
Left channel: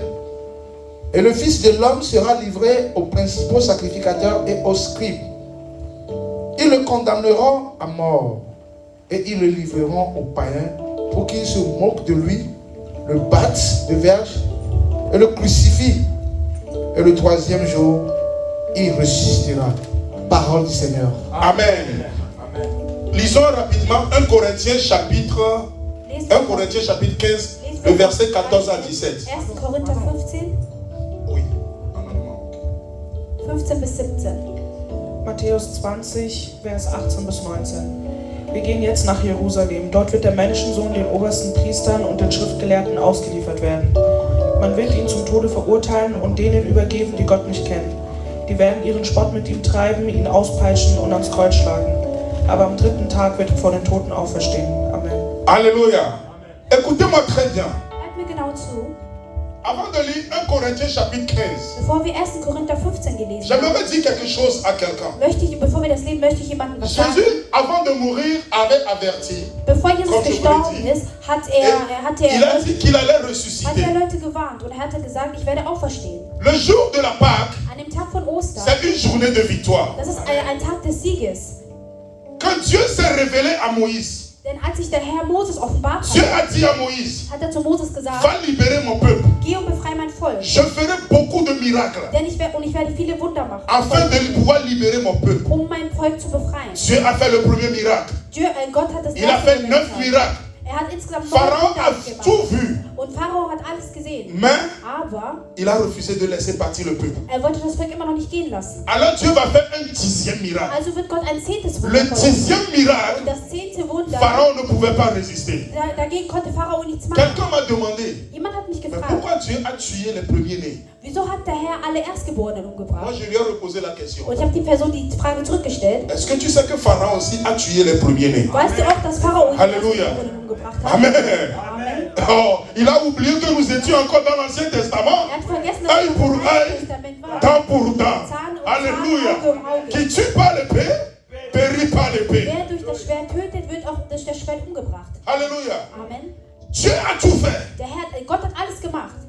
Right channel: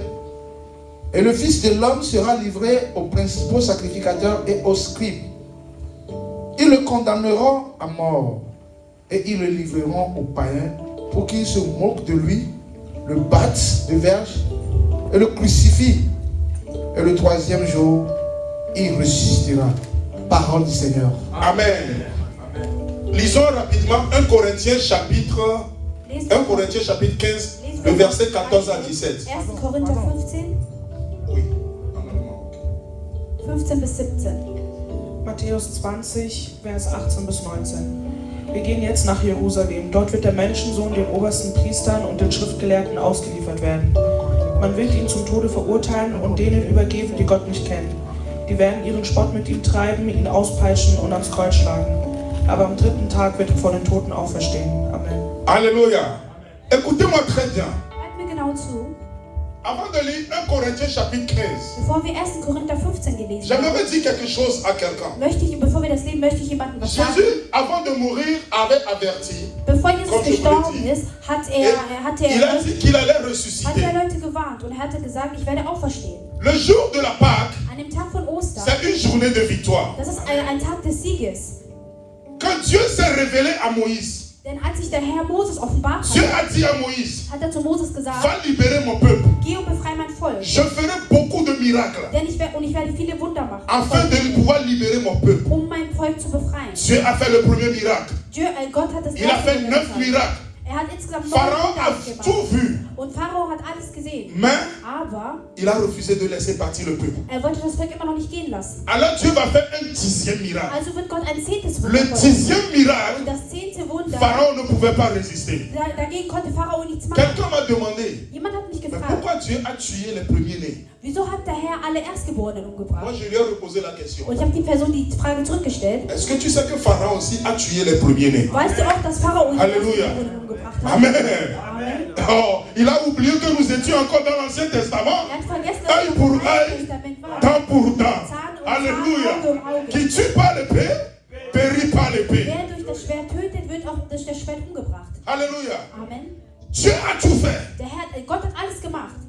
et le Fils de l'homme sera livré aux principaux sacrificateurs et aux scribes. Ils le condamneront à mort, et ils le livreront aux païens pour qu'ils se moquent de lui, le battent de verge et le crucifient. Et le troisième jour, il ressuscitera. Parole du Seigneur. Amen. Lisons rapidement 1 Corinthiens chapitre 15, le verset 14 à 17. 1. Korinther 15, Oui, en allemand. 15 bis 17. Matthäus 20, Vers 18 bis 19. Wir gehen jetzt nach Jerusalem. Dort wird der Menschensohn den obersten Priestern und den Schriftgelehrten ausgeliefert werden. Man wird ihn zum Tode verurteilen und denen übergeben, die Gott nicht kennen. Die werden ihren Spott mit ihm treiben, ihn auspeitschen und ans Kreuz schlagen. Aber am dritten Tag wird er vor den Toten auferstehen. Amen. Alléluia. Écoutez-moi très bien. Hört mir genau zu. Avant de lire 1 Corinthiens chapitre 15, Bevor wir 1. Korinther 15 gelesen haben, j'aimerais dire quelque chose à quelqu'un. bevor wir das lesen, möchte ich jemandem was sagen. Jésus, avant de mourir, avait averti. Bevor Jesus Comme je vous l'ai gestorben dit. ist, hat Et er il a dit qu'il allait hat ressusciter. er Leute gewarnt und er hatte gesagt, ich werde auferstehen. Le jour de la Pâque, An dem Tag von Ostern, c'est une journée de victoire. das ist ein Tag des Sieges. Quand Dieu s'est révélé à Moïse, Denn als sich der Herr Moses offenbart Dieu hat, a dit à Moïse, hat er zu Moses gesagt, va libérer mon peuple. geh und befreie mein Volk. Je ferai beaucoup de miracles Denn ich werde viele Wunder machen, afin de pouvoir libérer mon peuple. um mein Volk zu befreien. Dieu a fait le premier miracle. Gott hat das Il a erste fait 9 gemacht. miracles. Er hat insgesamt 9 Pharaon Wunder a gemacht. tout vu, Und Pharao hat alles gesehen. mais Aber il a refusé de laisser partir le peuple. er wollte das Volk immer noch nicht gehen lassen. Alors Dieu va faire un 10e miracle. Also wird Gott ein 10. Wunder Le machen. 10e Und miracle, das 10. Wunder, Pharaon ne pouvait pas résister. dagegen konnte Pharao nichts machen. Quelqu'un m'a demandé, Jemand hat mich mais gefragt, pourquoi Dieu a tué les premiers-nés? wieso hat der Herr alle Erstgeborenen Moi, umgebracht? je lui ai reposé la question. Und ich habe die Person die Frage zurückgestellt. Est-ce que tu sais que Pharaon aussi a tué les premiers-nés? Weißt du auch, dass Pharao die Halleluja. Erstgeborenen umgebracht hat? Amen. Amen. Oh, il a oublié que nous étions encore dans l'Ancien Testament. Er hat vergessen, dass Œil wir pour im Alten œil, Testament waren. dent pour dent. Zahn um Zahn, Alléluia. Auge um Auge. Qui tue par l'épée, périt par l'épée. Wer durch das Schwert tötet, wird auch durch das Schwert umgebracht. Alléluia. Amen. Dieu a tout fait. Gott hat alles gemacht.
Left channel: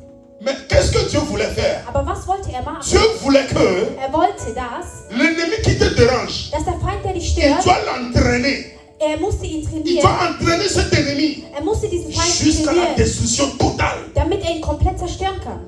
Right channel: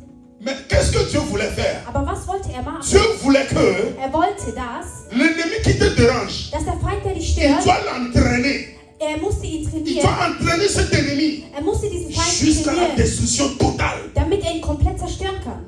Mais qu'est-ce que Dieu voulait faire? Aber was wollte er machen? Dieu voulait que Er wollte das, l'ennemi qui te dérange, dass der Feind, der dich il stört, doit l'entraîner. er musste ihn Il trainieren. doit entraîner cet ennemi Er musste diesen Feind jusqu'à la trainieren, destruction totale. damit er ihn komplett zerstören kann.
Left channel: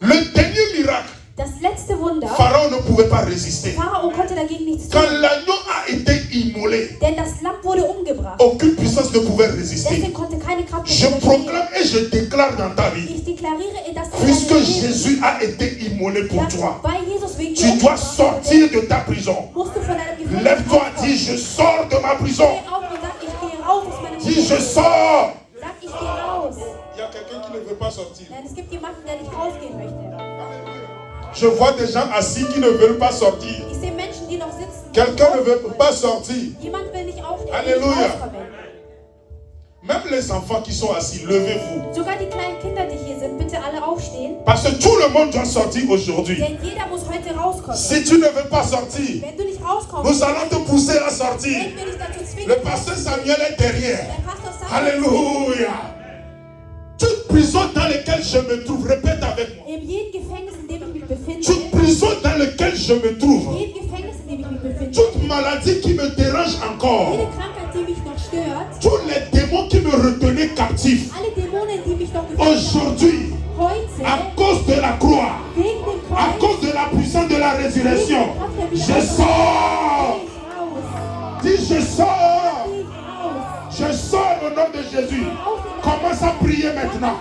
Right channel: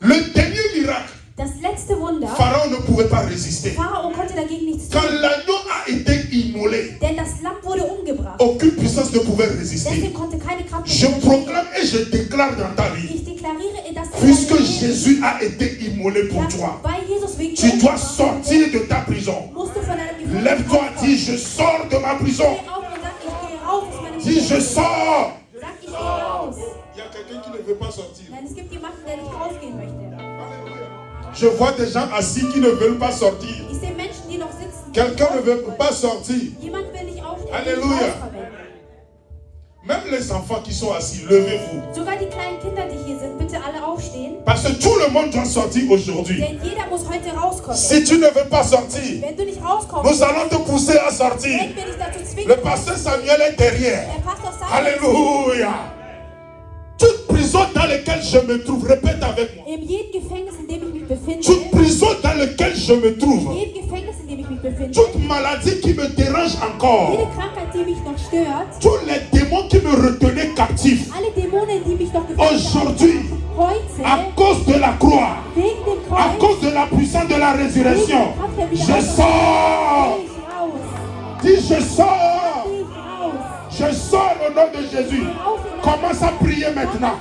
Le dernier miracle, Das letzte Wunder, Pharaon ne pouvait pas résister. Pharao konnte dagegen nichts Quand tun, l'agneau a été immolé, denn das Lamm wurde umgebracht. aucune puissance ne pouvait résister. Deswegen konnte keine Kraft Je mehr proclame et je déclare dans ta vie, Ich deklariere, dass puisque Jésus a été immolé pour toi, weil Jesus wegen tu dir dois umgebracht sortir de ta prison. musst du von deinem Gefühl Lève-toi, dis je sors de ma prison. Steh auf und sag, ich gehe raus aus meinem Dis je Leben. sors. Sag, ich gehe raus. Il y a quelqu'un qui ne veut pas sortir. Denn es gibt jemanden, der nicht rausgehen möchte. Je vois des gens assis qui ne veulent pas sortir. Ich sehe Menschen, die noch sitzen. Quelqu'un ne veut pas sortir. Jemand will nicht aufstehen. Alléluia. Même les enfants qui sont assis, levez-vous. Sogar die kleinen Kinder, die hier sind, bitte alle aufstehen. Parce que tout le monde doit sortir aujourd'hui. Denn jeder muss heute rauskommen. Si tu ne veux pas sortir, Wenn du nicht rauskommst, nous allons te pousser à sortir. werden wir dich dazu zwingen. Le pasteur Samuel est derrière. Der Pastor Samuel Alléluia. Toute prison dans laquelle je me trouve, répète avec moi. in jedem Gefängnis, in dem ich mich befinde, Toute prison dans laquelle je me in trouve, jedem Gefängnis, in dem ich mich befinde, toute maladie qui me dérange encore, jede Krankheit, die mich noch stört, tous les démons qui me retenaient captif, alle Dämonen, die mich noch gefangen haben, aujourd'hui, à heute, cause de la croix, wegen dem à Kreuz, cause de la puissance de la résurrection, je sors. Dis je sors. Je sors au nom de Jésus. Commence à prier maintenant.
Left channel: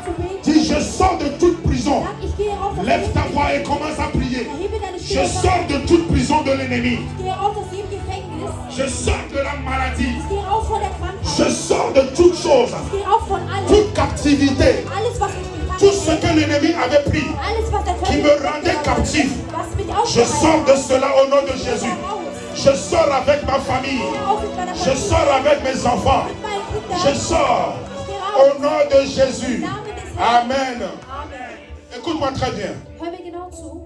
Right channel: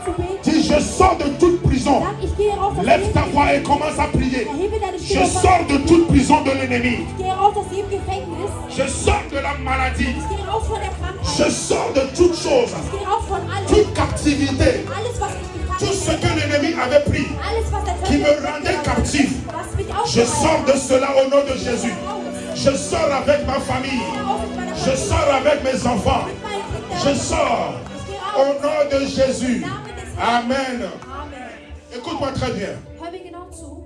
Dis je sors de toute prison. Ich gehe raus aus Lève jedem ta voix et commence à prier. Hebe deine Je Stimme auf. sors de toute prison de l'ennemi. Ich gehe raus aus jedem Gefängnis. Je sors de la maladie. Ich gehe raus von der Krankheit. Je sors de toute chose, Ich gehe raus von allem. toute captivité, Alles, was mich gefangen tout ce que l'ennemi avait pris, alles, was der qui Teufel me rendait captif. was mich Je sors de cela au nom de Jésus. Je sors avec ma famille. Je sors avec mes enfants. Je sors au nom de Jésus. Amen. Écoute-moi très bien. Hör mir genau zu.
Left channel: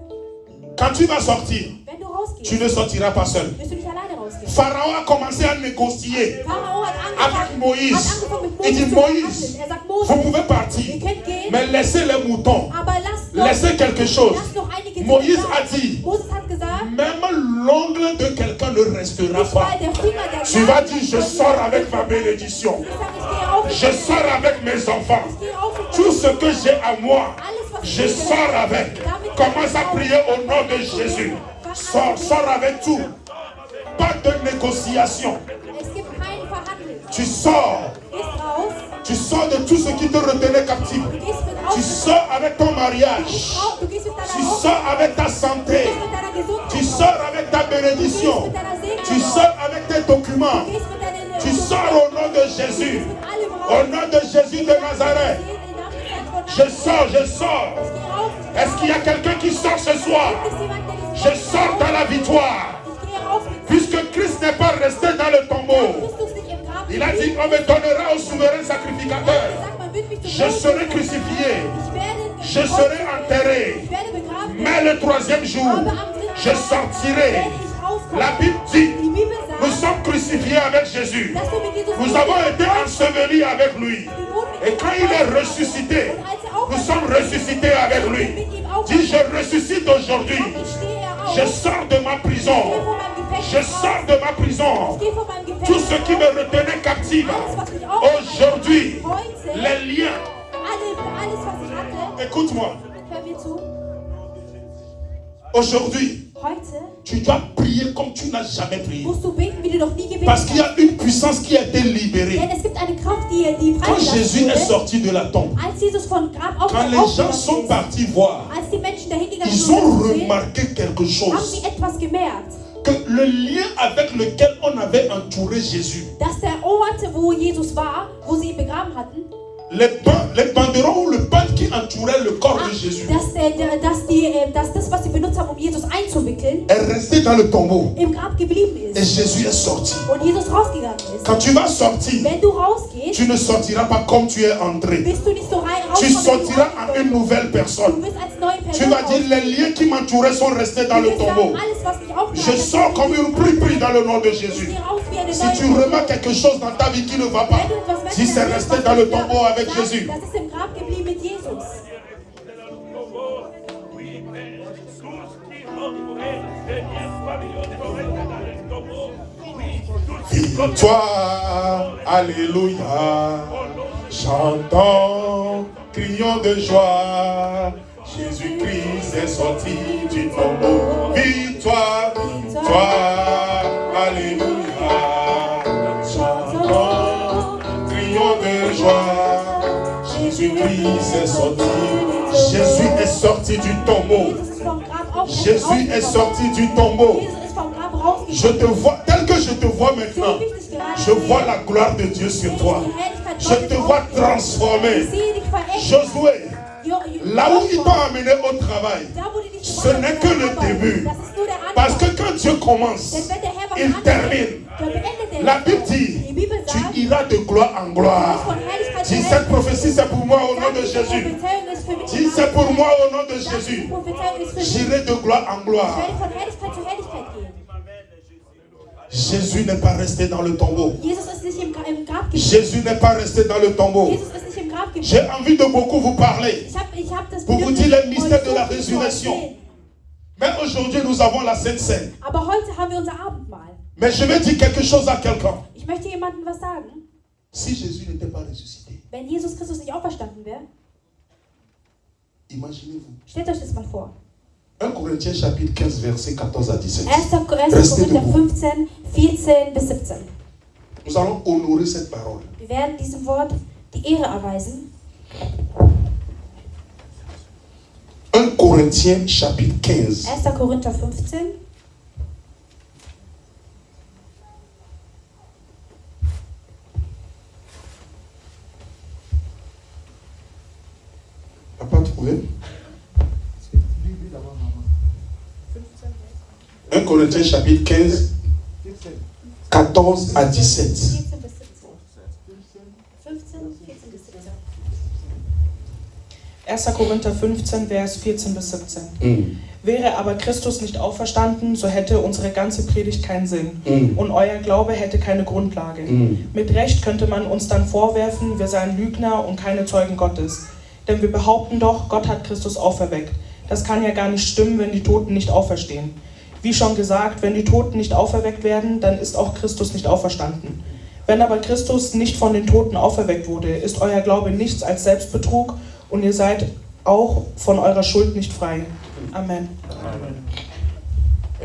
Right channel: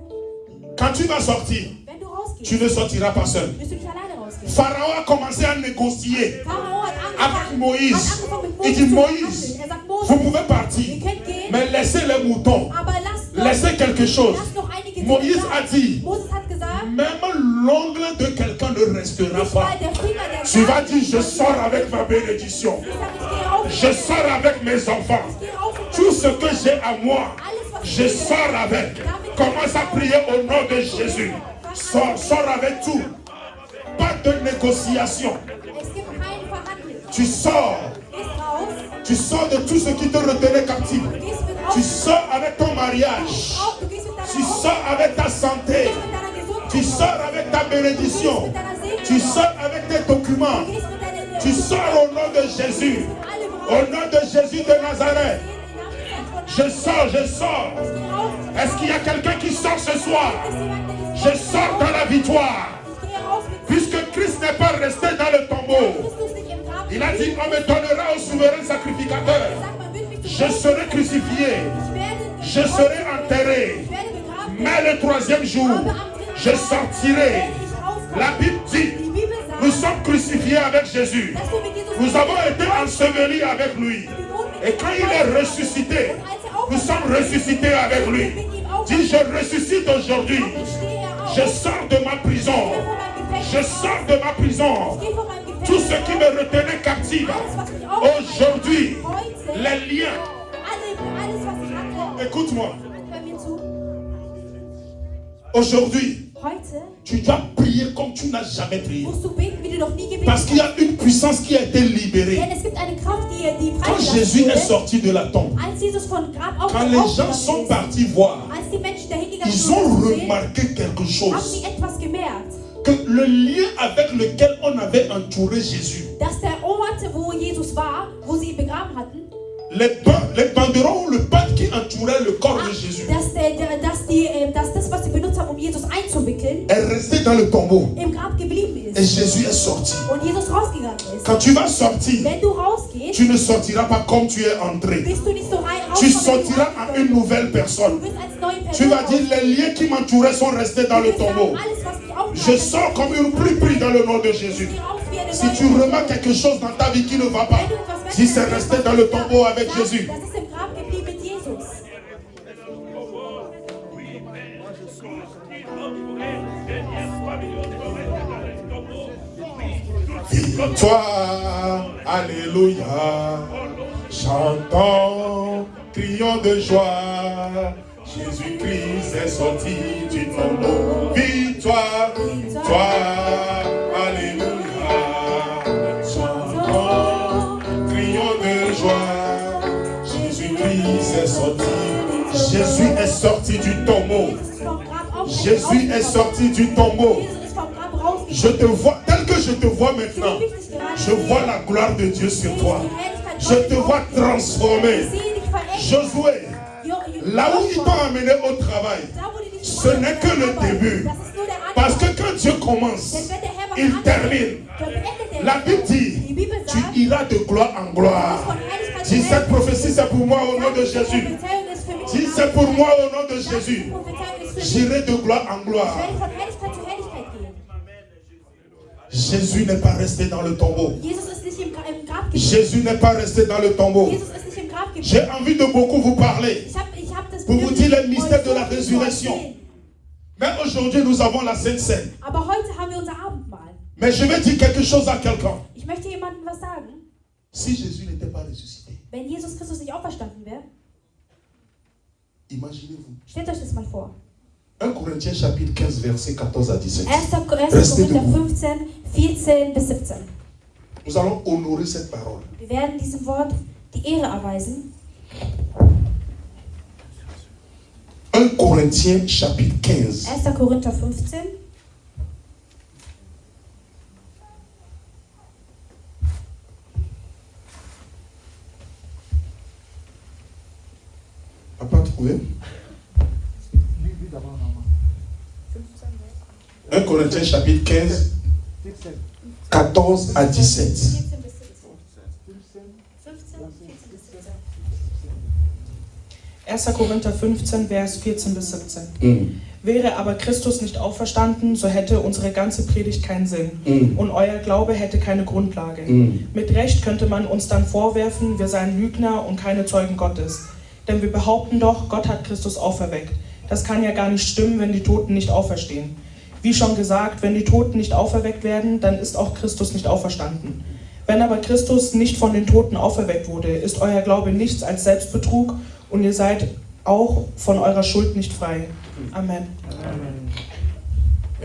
Quand tu vas sortir, Wenn du rausgehst, tu ne sortiras pas seul. wirst du nicht alleine rausgehen. Pharaon a commencé à négocier Pharao hat avec angefangen, Moïse. mit Il dit, zu Moïse, verhandeln. Er sagt, vous Mose, pouvez partir, ihr könnt gehen, mais laissez les moutons. aber lasst noch, Laissez quelque chose. lasst noch einige Dinge Moïse da. a dit, Moses hat gesagt, même l'ongle de quelqu'un ne restera nicht pas. mal der Finger der Tu vas Gabel. dire, je sors avec ma bénédiction. Ich sag, ich gehe auf, Je sors avec mes enfants. ich gehe auf, Tout ce que j'ai à moi, alles, was je sors avec. Commence à prier au nom de Jésus. Sors avec tout. Pas de négociation. Es gibt keine Verhandlung. Tu sors. Gehst raus, Tu sors de tout ce qui te retenait captif. du gehst mit Tu raus, sors avec ton mariage. du gehst mit Tu deiner Haut, sors avec ta santé. mit deiner Gesundheit, Tu sors avec ta bénédiction. mit deiner Segnung, Tu sors avec tes documents. du gehst mit deinen Tu sors au nom de Jésus. alle Au Braut, nom de Jésus de Nazareth. Je sors, je sors. Est-ce qu'il y a quelqu'un qui sort ce soir? Je sors dans la victoire. Puisque Christ n'est pas resté dans le tombeau. Il a dit, on me donnera au souverain sacrificateur. Je serai crucifié. Je serai enterré. Mais le troisième jour, je sortirai. La Bible dit, nous sommes crucifiés avec Jésus. Nous avons été ensevelis avec lui. Et quand il est ressuscité, nous sommes ressuscités avec lui. Dis, je ressuscite aujourd'hui. Je sors de ma prison. Je sors de ma prison. Tout ce qui me retenait captif. Aujourd'hui, les liens. Écoute-moi. Aujourd'hui, tu dois prier comme tu n'as jamais prié. musst du beten, wie du noch nie gebetet Parce qu'il y hast. a une puissance qui a été libérée. Denn es gibt eine Kraft, die Quand Jésus est freigesetzt wurde. sorti de la tombe, Als Jesus von Grab quand les gens sont aufgewacht ist, partis voir, als die Menschen dahin gegangen ils ont sind, remarqué quelque haben chose. sie etwas gemerkt, Que le lien avec lequel on avait entouré Jésus, dass der Ort, wo Jesus war, wo sie ihn begraben hatten, les banderoles ou le pâte qui entourait le corps de Jésus, dass das, was sie benutzt haben, um Jesus einzuwickeln, est resté dans le tombeau. im Grab geblieben Et ist. Jésus est sorti. Und Jesus rausgegangen ist. Quand tu vas sortir, Wenn du rausgehst, tu ne sortiras pas comme tu es entré. bist du nicht so rein Tu sortiras en une nouvelle Du personne. bist als neue Tu Person vas dire, les liens qui m'entouraient sont restés dans le tombeau. alles, was mich aufgehalten Je sors comme une pluie pris dans le nom de ich Jésus. gehe raus wie eine Si neue tu remarques quelque chose dans ta vie qui ne va pas, Wenn du etwas si c'est merkst, resté was dans le nicht da tombeau ist, avec sag, Jésus, das ist im Grab geblieben mit Jesus. Victoire, alléluia, chantons, crions de joie, Jésus-Christ est sorti du tombeau. Victoire, victoire, alléluia, chantons, crions de joie, Jésus-Christ est sorti. Jésus est sorti du tombeau. Jesus ist vom Grab Jésus est sorti du tombeau. Jesus ist vom Grab rausgegangen. Je te vois, tel que je te vois maintenant, je vois la gloire de Dieu sur toi. Je te vois transformé. Josué, là où ils t'ont amené au travail, ce n'est que le début. Parce que quand Dieu commence, il termine. La Bible dit, tu iras de gloire en gloire. Dis, cette prophétie, c'est pour moi au nom de Jésus. Dis, c'est pour moi au nom de Jésus. J'irai de gloire en gloire. Jésus n'est pas resté dans le tombeau. Jésus n'est pas resté dans le tombeau. J'ai envie de beaucoup vous parler pour vous dire le mystère de la résurrection. Mais aujourd'hui, nous avons la Sainte Seine. Aber heute haben wir unser Abendmahl. Mais je vais dire quelque chose à quelqu'un. Ich möchte jemandem was sagen. Si Jésus n'était pas ressuscité, Wenn Jesus Christus nicht auferstanden wäre, imaginez-vous. stellt euch das mal vor. 1 Corinthiens chapitre 15, verset 14 à 17. 1. Restez Korinther debout. 15, 14 bis 17. Nous allons honorer cette parole. Wir werden diesem Wort die Ehre erweisen. 1 Corinthiens chapitre 15. 1. Korinther 15. Tu n'as pas trouvé? 1 Corinthiens chapitre 15, 14 à 17. 14 bis 17. 15, 14 bis 17. 1. Korinther 15, Vers 14 bis 17. Wäre aber Christus nicht auferstanden, so hätte unsere ganze Predigt keinen Sinn und euer Glaube hätte keine Grundlage. Mit Recht könnte man uns dann vorwerfen, wir seien Lügner und keine Zeugen Gottes. Denn wir behaupten doch, Gott hat Christus auferweckt. Das kann ja gar nicht stimmen, wenn die Toten nicht auferstehen. Wie schon gesagt, wenn die Toten nicht auferweckt werden, dann ist auch Christus nicht auferstanden. Wenn aber Christus nicht von den Toten auferweckt wurde, ist euer Glaube nichts als Selbstbetrug und ihr seid auch von eurer Schuld nicht frei. Amen.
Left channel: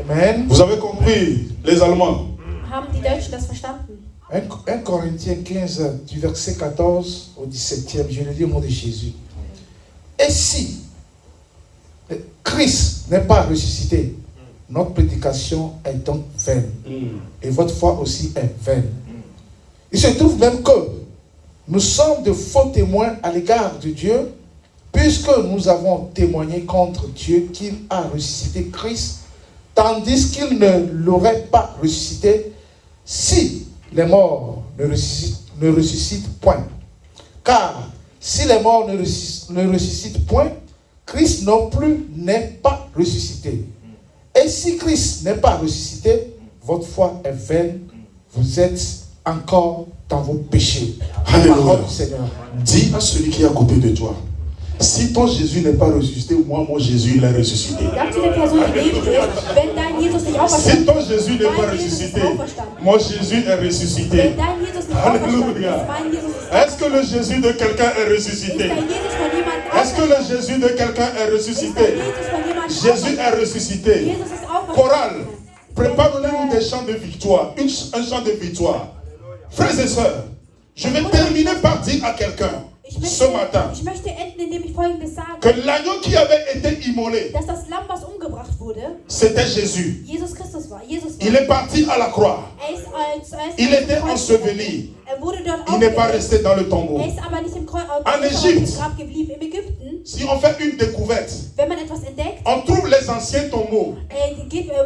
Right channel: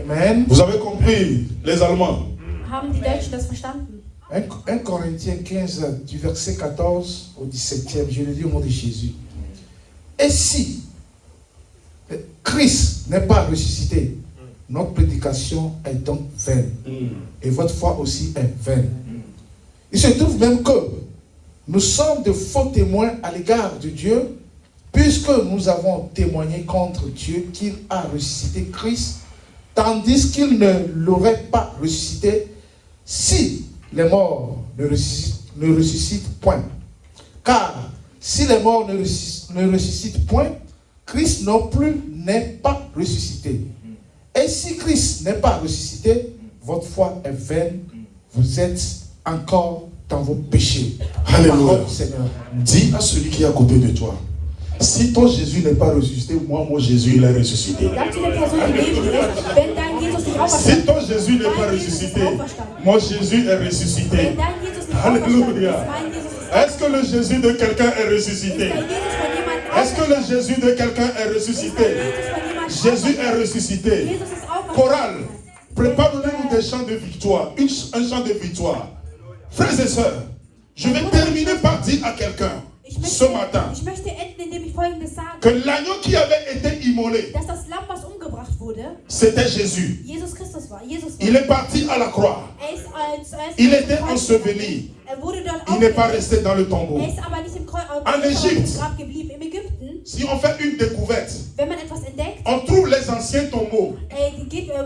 Amen. Vous avez compris, les Allemands? Haben die Deutschen das verstanden? 1 Corinthiens 15, du verset 14 au 17e, je le dis au nom de Jésus. Et si Christ n'est pas ressuscité, notre prédication est donc vaine. Et votre foi aussi est vaine. Il se trouve même que nous sommes de faux témoins à l'égard de Dieu, puisque nous avons témoigné contre Dieu qu'il a ressuscité Christ, tandis qu'il ne l'aurait pas ressuscité si les morts ne ressuscitent point. Car si les morts ne ressuscitent point, Christ non plus n'est pas ressuscité. Et si Christ n'est pas ressuscité, votre foi est vaine, vous êtes encore dans vos péchés. Alléluia. Parole du Seigneur. Dis à celui qui est à côté de toi, si ton Jésus n'est pas ressuscité, moi, mon Jésus, il est ressuscité. Sag zu der Person, die neben dir ist, wenn dein Jesus nicht Si auferstanden ton Jésus n'est pas ressuscité, mon Jésus est ressuscité. wenn dein Jesus nicht Alléluia. auferstanden ist, mein Jesus ist Est-ce que le Jésus de quelqu'un est ressuscité? dein Jesus von jemand Est-ce que le Jésus de quelqu'un est ressuscité? Jésus est ressuscité. Jesus ist auferstanden. Chorale, préparez-nous des chants de victoire, un chant de victoire. Frères et sœurs, je vais terminer par dire à quelqu'un ce matin Ich möchte enden, indem ich Folgendes que sage, l'agneau qui avait été immolé, dass das Lamm, was umgebracht wurde, c'était Jésus. Jesus Christus war. Jesus Il est parti à la croix. ist zuerst Il était enseveli. wurde dort Il n'est pas aufgeweckt. resté dans le tombeau. Ist aber nicht im En Égypte. Grab geblieben. Im Ägypten, Si on fait une découverte, wenn man etwas entdeckt, on trouve les anciens tombeaux.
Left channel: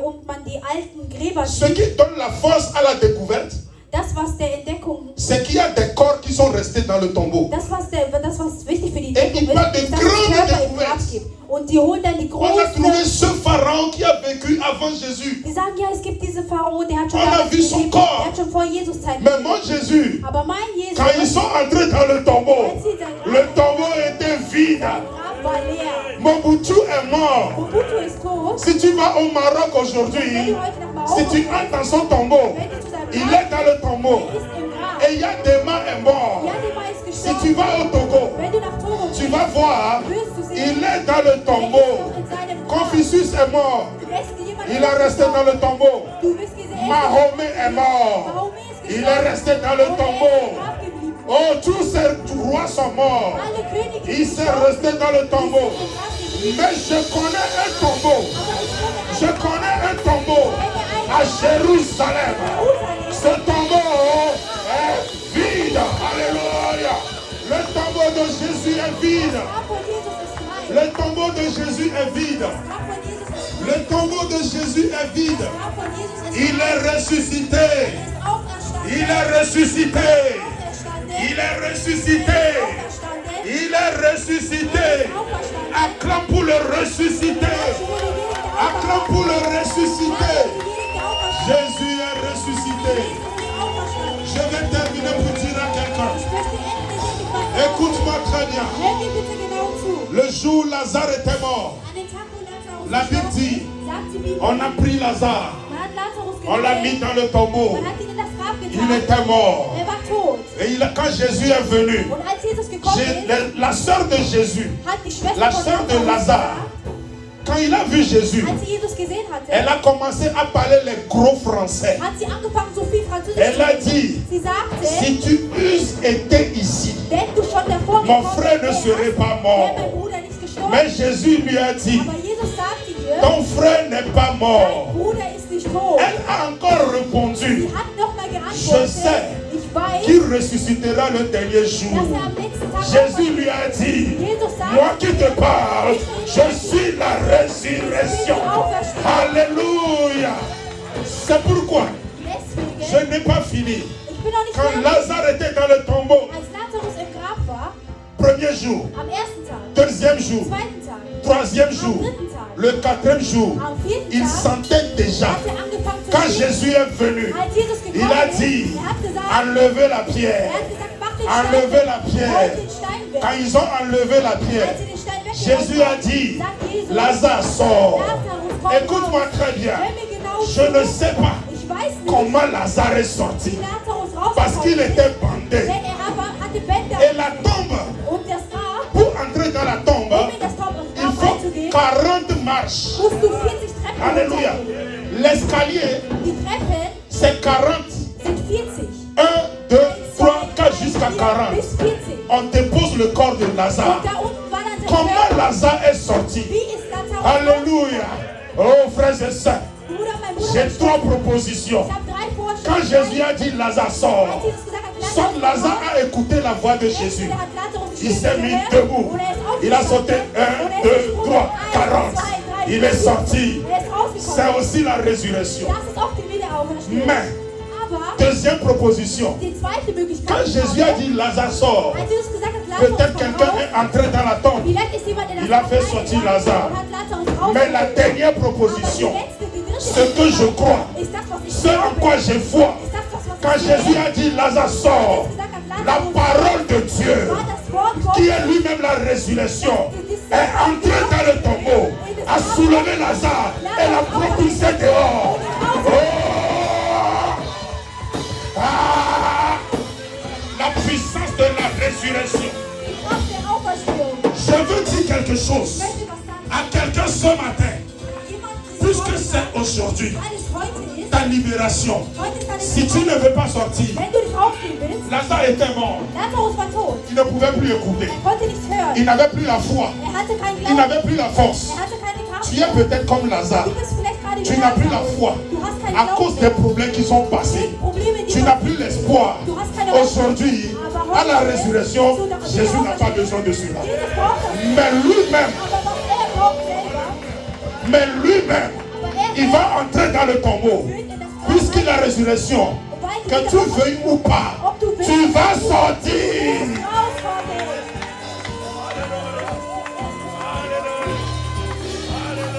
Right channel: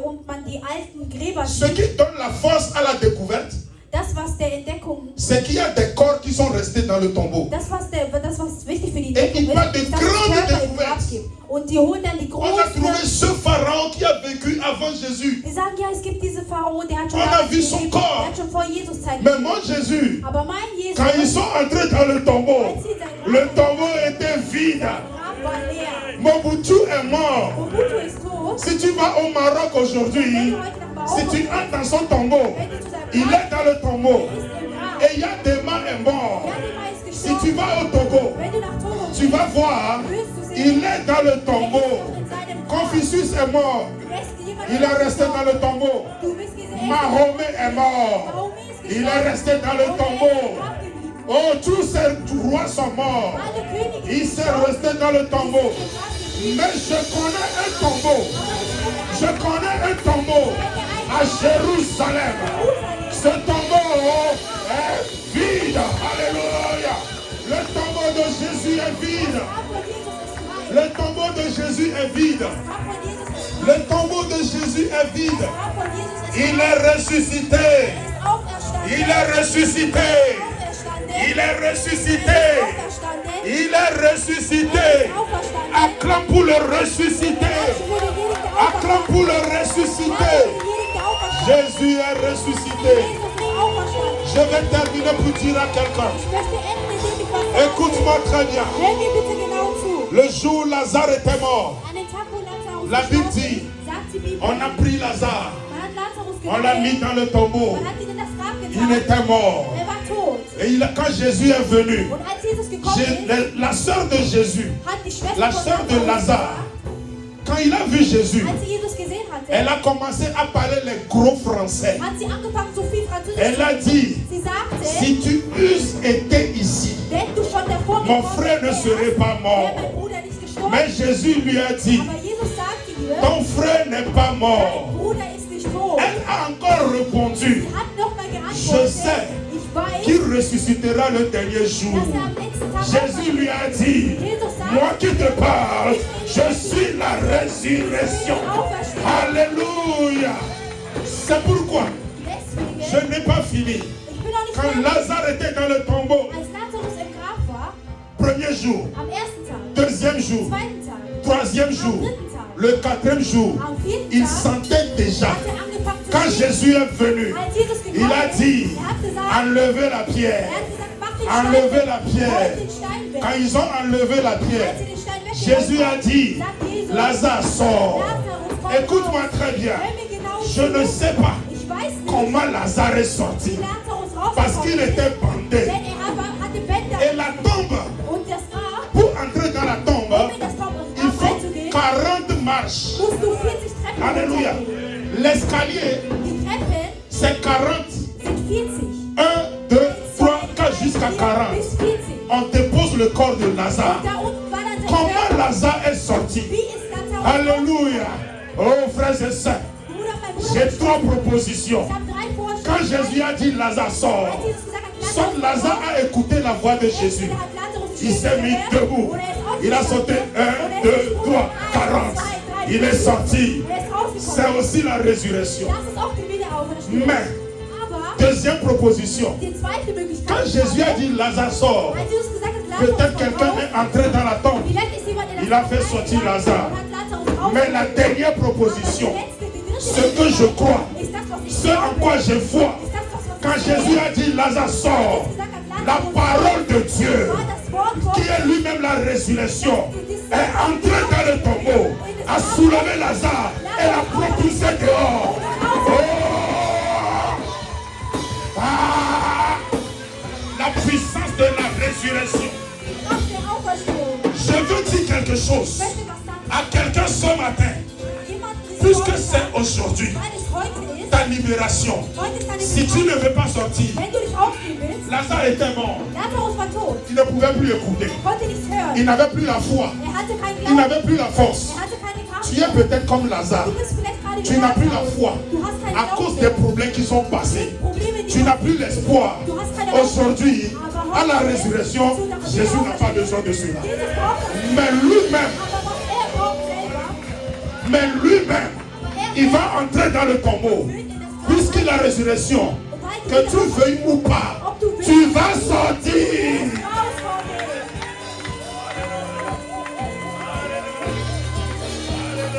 und man die alten Gräber Ce sieht, qui donne la force à la découverte, das, was der Entdeckung, c'est qu'il y a des corps qui sont restés dans le tombeau. das, was wichtig für die Et il Entdeckung parle de ist, dass es grandes Körper im découvertes. Grab gibt. Und die holen dann die On a trouvé großen. ce pharaon qui a vécu avant Jésus. Die sagen, ja, es gibt diese Pharao, der hat schon, On a damals vu son gelebt, corps. der hat schon vor Jesus Zeit Mais gelebt. mon Jésus, Aber mein Jesus, quand ils sont entrés dans le tombeau, als sie sein le tombeau était vide. Grab war leer. Mobutu est mort. Mobutu ist tot. Si tu vas au Maroc Wenn aujourd'hui, du heute nach si tu Marokko entres dans son tombeau, wenn du zu seinem il Grab est dans le tombeau. ist im Grab. Et Yadema est mort. Yadima ist Si tu gestorben. vas au Togo, Wenn du nach Togo tu vas voir, wirst du sehen, il est dans le tombeau. in seinem Grab. Confucius est mort. Du wirst jemanden- Il est resté dans le tombeau. Du wirst gesehen. Mahomet est mort. Mahomet ist Il gestorben. est resté dans le Und er ist tombeau. im Grab geblieben. Oh, tous ces rois sont morts. Alle Könige Il sind s'est resté dans le tombeau. im Grab geblieben. Mais je connais un tombeau. Je connais un tombeau à Jérusalem. Ce tombeau est vide. Alléluia. Le tombeau de Jésus est vide. Der Grab von Jesus ist frei. Le tombeau de Jésus est vide. Der Grab von Jesus ist frei. Le tombeau de Jésus est vide. Der Grab von Jesus ist Il est ressuscité. auferstanden. Il est ressuscité. Il est ressuscité. Il est ressuscité. Acclame pour le ressuscité. Acclame pour le ressuscité. Jésus est ressuscité. Je vais terminer pour dire à quelqu'un. Écoute-moi très bien. Le jour où Lazare était mort, la Bible dit, on a pris Lazare, on l'a mis dans le tombeau. Il était mort. Et quand Jésus est venu, la sœur de Jésus, la sœur de Lazare, quand il a vu Jésus, elle a commencé à parler les gros français. Elle a dit, si tu eusses été ici, mon frère ne serait pas mort. Mais Jésus lui a dit, ton frère n'est pas mort. Elle a encore répondu, je sais qu'il ressuscitera le dernier jour. Jésus lui a dit, moi qui te parle, je suis la résurrection. Alléluia. C'est pourquoi je n'ai pas fini. Quand Lazare était dans le tombeau, premier jour, deuxième deuxième jour, Am zweiten Tag, troisième jour, am dritten Tag, le quatrième jour, am vierten il Tag, sentait déjà, hat angefangen zu quand sehen. Jésus est venu, Als Jesus il gekommen a ist, dit, hat gesagt, enlevez la pierre. hat gesagt, mach den Enlevez Stein la weg. pierre. Rollt den Stein weg. Quand ils ont enlevé la pierre, Als sie den Stein weggeholt Jésus a dit, sagt Jesus, Lazare sort. Lazarus, komm Écoute-moi raus. très bien. Hör mir genau Je ne zu. sais pas Ich weiß nicht, comment Lazare est sorti. wie Lazarus Parce qu'il rausgekommen ist. était bandé. Denn hatte Bänder. Et la tombe, Und das Grab, pour entrer dans la tombe, um in das il Grab faut reinzugehen, 40 marches. musst du 40 Treppen Alléluia. runtergehen. L'escalier, Die Treppen c'est 40. sind 40. 1, 2, 3, 4 jusqu'à 40. Bis 40. On dépose le corps de Und Lazare. da unten war dann sein Comment Körper. Lazare est sorti? Wie ist Lazarus? Alléluia. Oh frères et sœurs, Bruder, mein Bruder, j'ai ich 3 propositions. habe 3 Quand Vorschläge. Jésus a dit Lazare sort, Als Jesus gesagt hat, son Lazare a écouté la voix de Jésus. hat Lazarus Il s'est mis gehört debout. und er ist Il a aufgestanden. sauté 1, 2, 3, 40. Il est sorti. Er ist rausgekommen. C'est aussi la résurrection. Das ist auch die Wiederauferstehung. Mais, Aber deuxième proposition, die zweite Möglichkeit quand Jésus a dit Lazare sort, als Jesus gesagt hat, Lazarus peut-être komm quelqu'un raus, est entré dans la tombe. vielleicht ist jemand in Il das a Grab fait sortir reingegangen Lazare. und hat Lazarus Mais la rausgeholt. dernière Aber die proposition, letzte, die dritte ce que je crois, ist das, was ich ce en glaube, quoi je vois, ist das, was quand ich Jésus sehe. a dit Lazare sort, la parole de Dieu, War das Wort qui Gottes, est lui-même la résurrection, est entré dans le tombeau, a soulevé Lazare et l'a propulsé dehors. Oh! Ah! La puissance de la résurrection. die Kraft der Auferstehung. Je veux dire quelque Ich chose möchte was sagen. à quelqu'un ce matin, Jemand puisque heute c'est aujourd'hui weil es heute ist, ta libération. heute ist deine Si tu ne veux pas sortir, Wenn du nicht aufstehen willst, Lazare était mort. Lazarus war tot. Il ne pouvait plus écouter. Er konnte nichts hören. Il n'avait plus la foi. Hatte keinen Il Glauben. n'avait plus la force. Hatte keine Kraft. Tu es peut-être comme Lazare. Du bist vielleicht gerade Tu n'as plus la foi Du hast keinen à Glauben cause mehr. des problèmes qui sont passés. Probleme, die Tu n'as plus l'espoir. Du hast keine Hoffnung. Aujourd'hui, Aber à la heute, résurrection, zu der Jésus n'a pas besoin de cela. Jesus braucht es. Mais lui-même, Aber doch er braucht selber. mais lui-même, il va entrer dans le tombeau. Puisqu'il a la résurrection, que tu veuilles ou pas, tu vas sortir.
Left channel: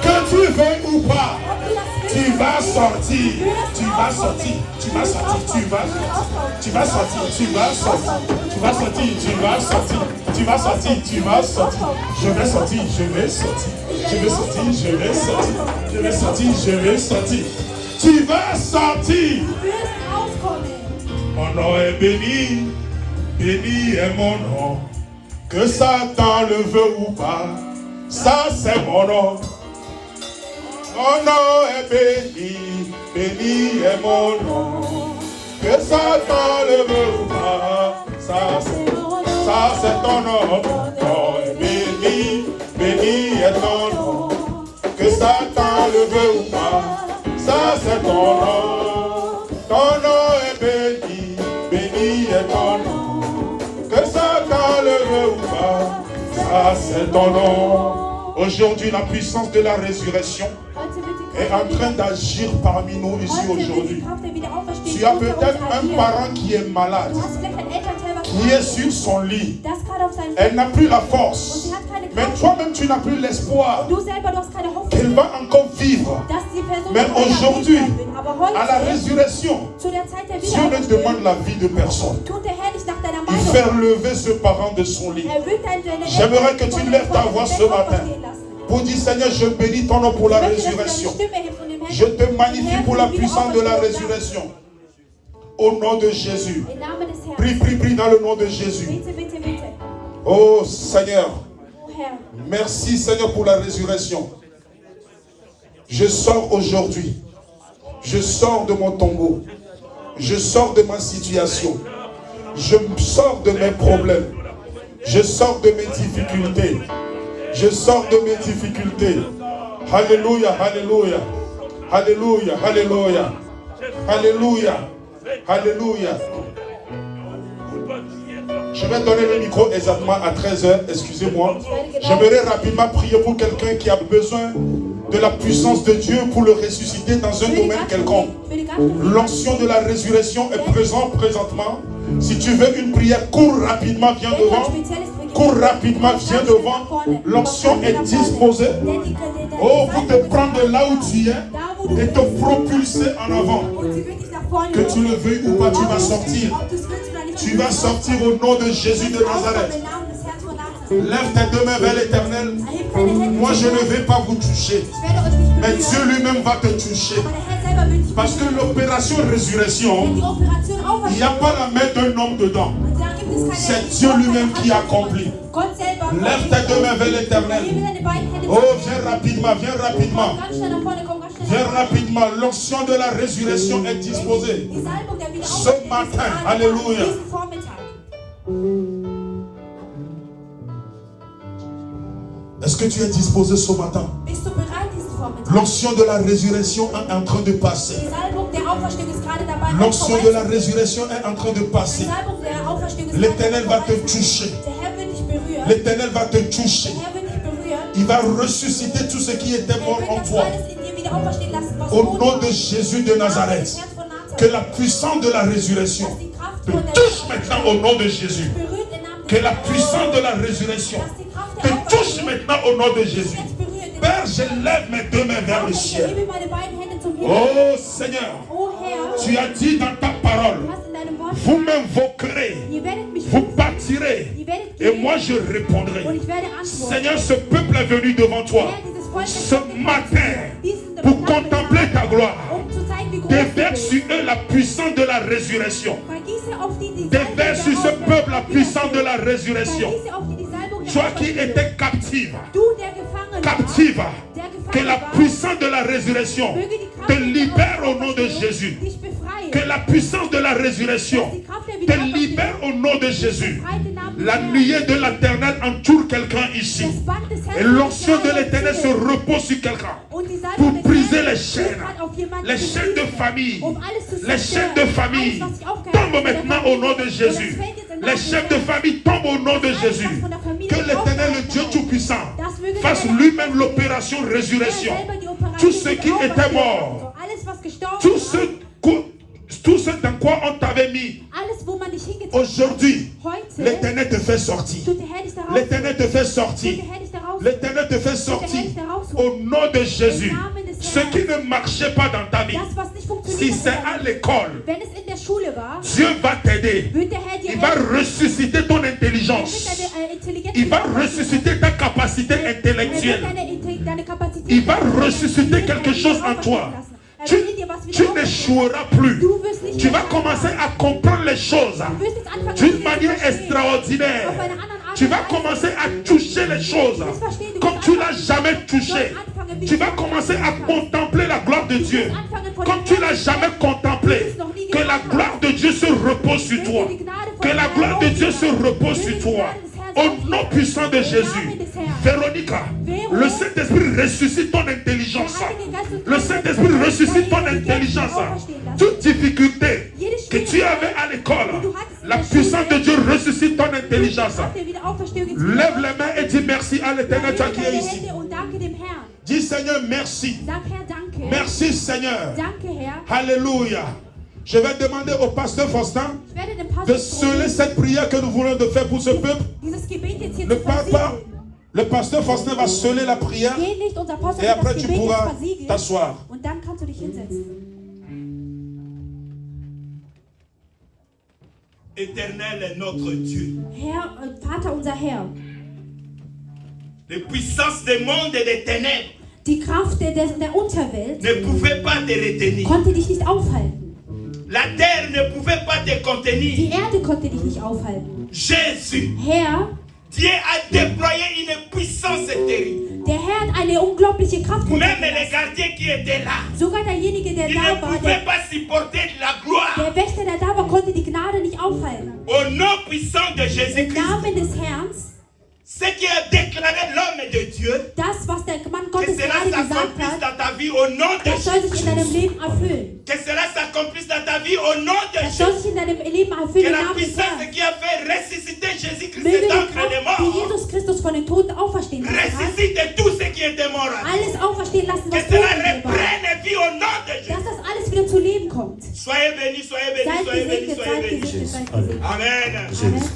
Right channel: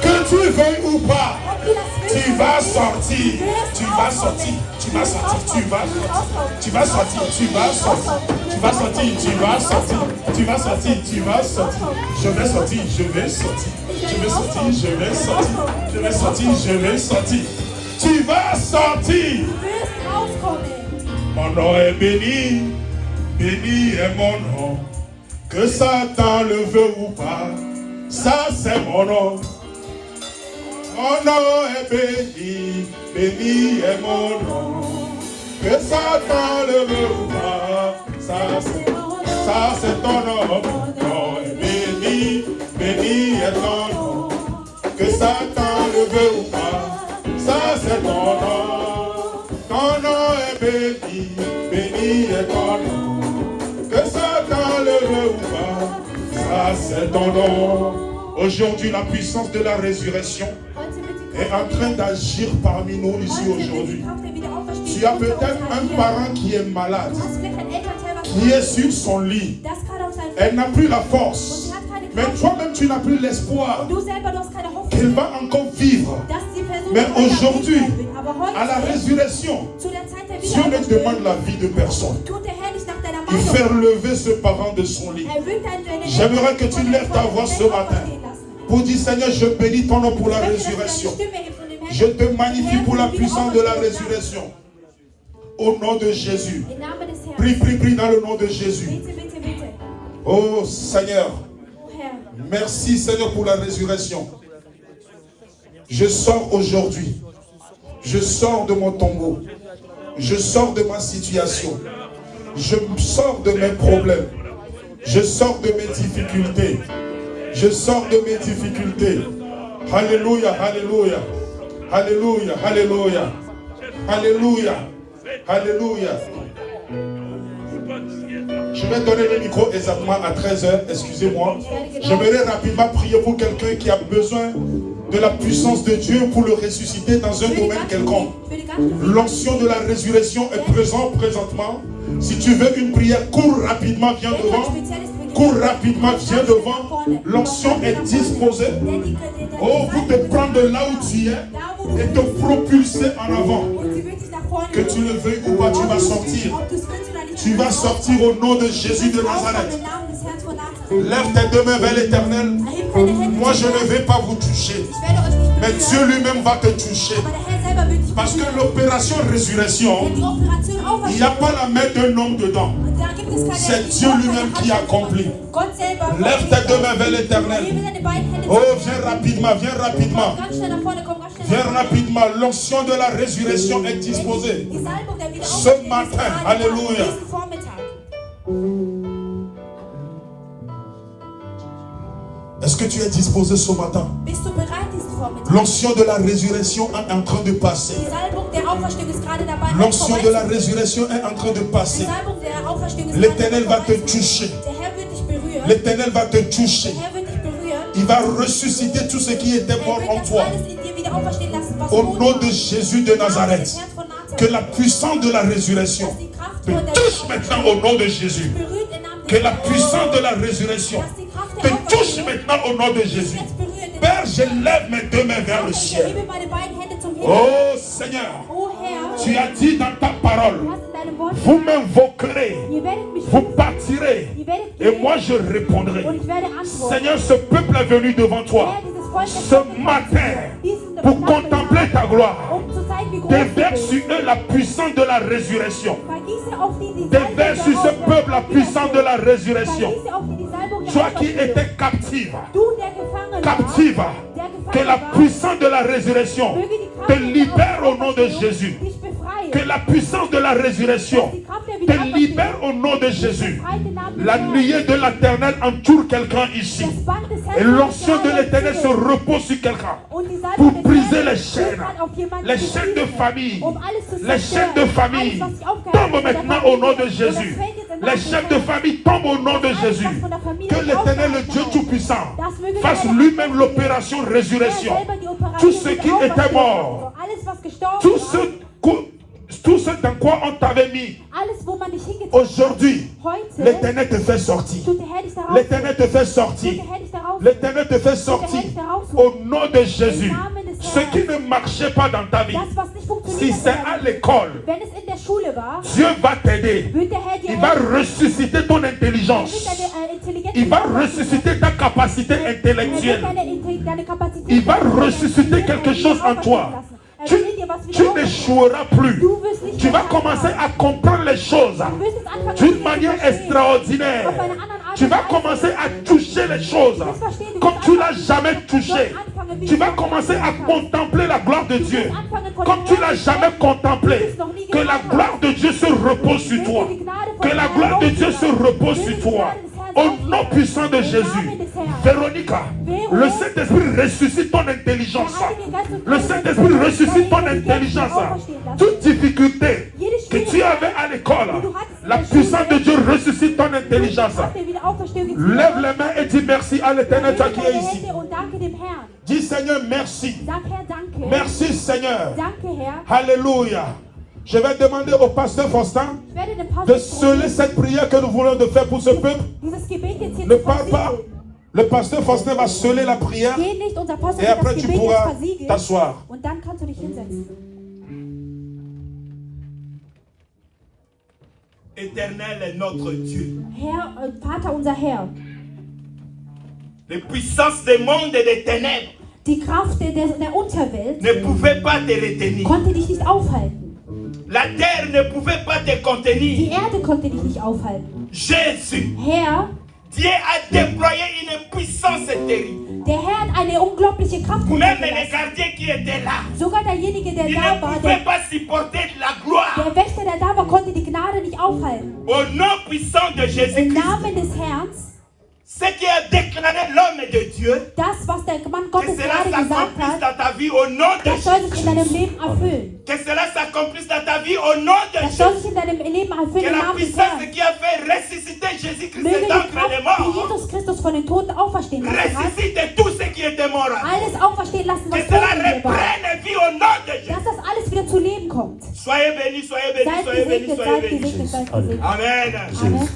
Que tu veuilles ou pas, tu vas sortir. Tu vas sortir. Tu vas sortir. Tu vas sortir. Tu vas sortir. Tu vas sortir. Tu vas sortir. Tu vas sortir. Tu vas sortir. Je vais sortir. Je vais sortir. Je vais sortir. Je vais sortir. Je vais sortir. Je vais sortir. Tu vas sortir. Mon nom est béni. Béni est mon nom. Que Satan le veut ou pas, ça c'est mon nom. Mon nom est béni, béni est mon nom. Que Satan le veut ou pas, ça c'est ton nom. Mon nom est béni, béni est ton nom. Que Satan le veut ou pas, ça c'est ton nom. Ton nom est béni, béni est ton nom. Que Satan le veut ou pas, ça c'est ton nom. Aujourd'hui, la puissance de la résurrection est en train d'agir parmi nous ici aujourd'hui. Tu as peut-être un parent qui est malade, qui est sur son lit. Elle n'a plus la force. Mais toi-même, tu n'as plus l'espoir qu'elle va encore vivre. Mais aujourd'hui, à la résurrection, Dieu ne demande la vie de personne. Il fait relever ce parent de son lit. J'aimerais que tu lèves ta voix ce matin pour dire, Seigneur, je bénis ton nom pour la résurrection. Je te magnifie pour la puissance de la résurrection. Au nom de Jésus. Prie, prie, prie dans le nom de Jésus. Oh Seigneur, merci Seigneur pour la résurrection. Je sors aujourd'hui. Je sors de mon tombeau. Je sors de ma situation. Je sors de mes problèmes. Je sors de mes difficultés. Je sors de mes difficultés. Alléluia, alléluia. Alléluia, alléluia. Alléluia. Alléluia. Je vais donner le micro exactement à 13h, excusez-moi. J'aimerais rapidement prier pour quelqu'un qui a besoin de la puissance de Dieu pour le ressusciter dans un domaine quelconque. L'onction de la résurrection est présente présentement. Si tu veux une prière, cours rapidement, viens devant. Cours rapidement, viens devant. L'onction est disposée. Oh, pour te prendre de là où tu es et te propulser en avant. Que tu le veuilles ou pas, tu vas sortir. Tu vas sortir au nom de Jésus de Nazareth. Lève tes deux mains vers l'Éternel. Moi, je ne vais pas vous toucher. Mais Dieu lui-même va te toucher. Parce que l'opération résurrection, il n'y a pas la main d'un homme dedans. C'est Dieu lui-même qui accomplit. Lève tes deux mains vers l'Éternel. Oh, viens rapidement, viens rapidement. Viens rapidement. L'onction de la résurrection est disposée. Ce matin, alléluia. Est-ce que tu es disposé ce matin? L'onction de la résurrection est en train de passer. L'onction de la résurrection est en train de passer. L'Éternel va te toucher. L'Éternel va te toucher. Il va ressusciter tout ce qui était mort en toi. Au nom de Jésus de Nazareth. Que la puissance de la résurrection te touche maintenant au nom de Jésus. Que la puissance de la résurrection te touche maintenant au nom de Jésus. Père, je lève mes deux mains vers le ciel. Oh Seigneur, tu as dit dans ta parole, vous m'invoquerez, vous partirez, et moi je répondrai. Seigneur, ce peuple est venu devant toi ce matin pour contempler ta gloire. Déverse sur eux la puissance de la résurrection. Déverse sur ce peuple la puissance de la résurrection. Toi qui étais captive, que la puissance de la résurrection te libère au nom de Jésus. Que la puissance de la résurrection te libère au nom de Jésus. La nuée de l'Éternel entoure quelqu'un ici. Et l'onction de l'Éternel se repose sur quelqu'un pour briser les chaînes de famille. Les chaînes de famille tombent maintenant au nom de Jésus. Les chaînes de famille tombent au nom de Jésus. Que l'Éternel, le Dieu Tout-Puissant, fasse lui-même l'opération résurrection. Tous ceux qui étaient morts, tout ce dans quoi on t'avait mis, aujourd'hui, l'Éternel te fait sortir. L'Éternel te fait sortir. L'Éternel te fait sortir au nom de Jésus. Ce qui ne marchait pas dans ta vie, si c'est à l'école, Dieu va t'aider. Il va ressusciter ton intelligence. Il va ressusciter ta capacité intellectuelle. Il va ressusciter quelque chose en toi. Tu n'échoueras plus. Tu vas commencer à comprendre les choses d'une manière extraordinaire. Tu vas commencer à toucher les choses comme tu ne l'as jamais touché. Tu vas commencer à contempler la gloire de Dieu comme tu ne l'as jamais contemplé. Que la gloire de Dieu se repose sur toi. Que la gloire de Dieu se repose sur toi. Au nom puissant de Jésus. Véronica, le Saint-Esprit ressuscite ton intelligence. Le Saint-Esprit ressuscite ton intelligence. Toute difficulté que tu avais à l'école, la puissance de Dieu ressuscite ton intelligence. Lève les mains et dis merci à l'Éternel, toi qui es ici. Dis Seigneur, merci. Merci Seigneur. Alléluia. Je vais demander au pasteur Faustin de sceller cette prière que nous voulons de faire pour ce peuple. Ne parle pas. Le pasteur Faustin va sceller la prière et après tu pourras t'asseoir. Éternel est notre Dieu. Vater, unser Herr. Les puissances des mondes et des ténèbres Die Kraft der Unterwelt ne pouvaient pas te retenir. konnte dich nicht aufhalten. La terre ne pouvait pas te Die contenir. Erde konnte dich nicht aufhalten. Jésus, Herr, Dieu a déployé une puissance terrible. der Herr hat eine unglaubliche Kraft Même les gelassen. gardiens qui étaient là, Sogar derjenige, der ils da ne war, pouvaient pas supporter la gloire. der Wächter, der da war, konnte die Gnade nicht aufhalten. Au nom puissant de Im Jésus-Christ, Namen des Herrn, ce qui a déclaré l'homme de Dieu, das, was der Mann que Gottes cela gerade gesagt s'accomplisse hat, dans ta vie au nom de das soll sich in deinem Jésus. Leben erfüllen. Que cela s'accomplisse dans ta vie au nom de Das soll Jésus. sich in deinem Leben Que erfüllen im la Namen des puissance Herrn. qui a fait ressusciter Jésus-Christ Möge die d'entre les Kraft, die morts, Jesus Christus von den Toten auferstehen lassen hat, ressuscite tous ceux qui étaient morts. alles auferstehen lassen, Que was cela tot war. reprenne vie au nom de Jésus. Dass das alles wieder zu Leben kommt. Soyez bénis, soyez bénis, Seid soyez bénis, gesegnet, soyez seid bénis. gesegnet, seid gesegnet. Amen. Amen.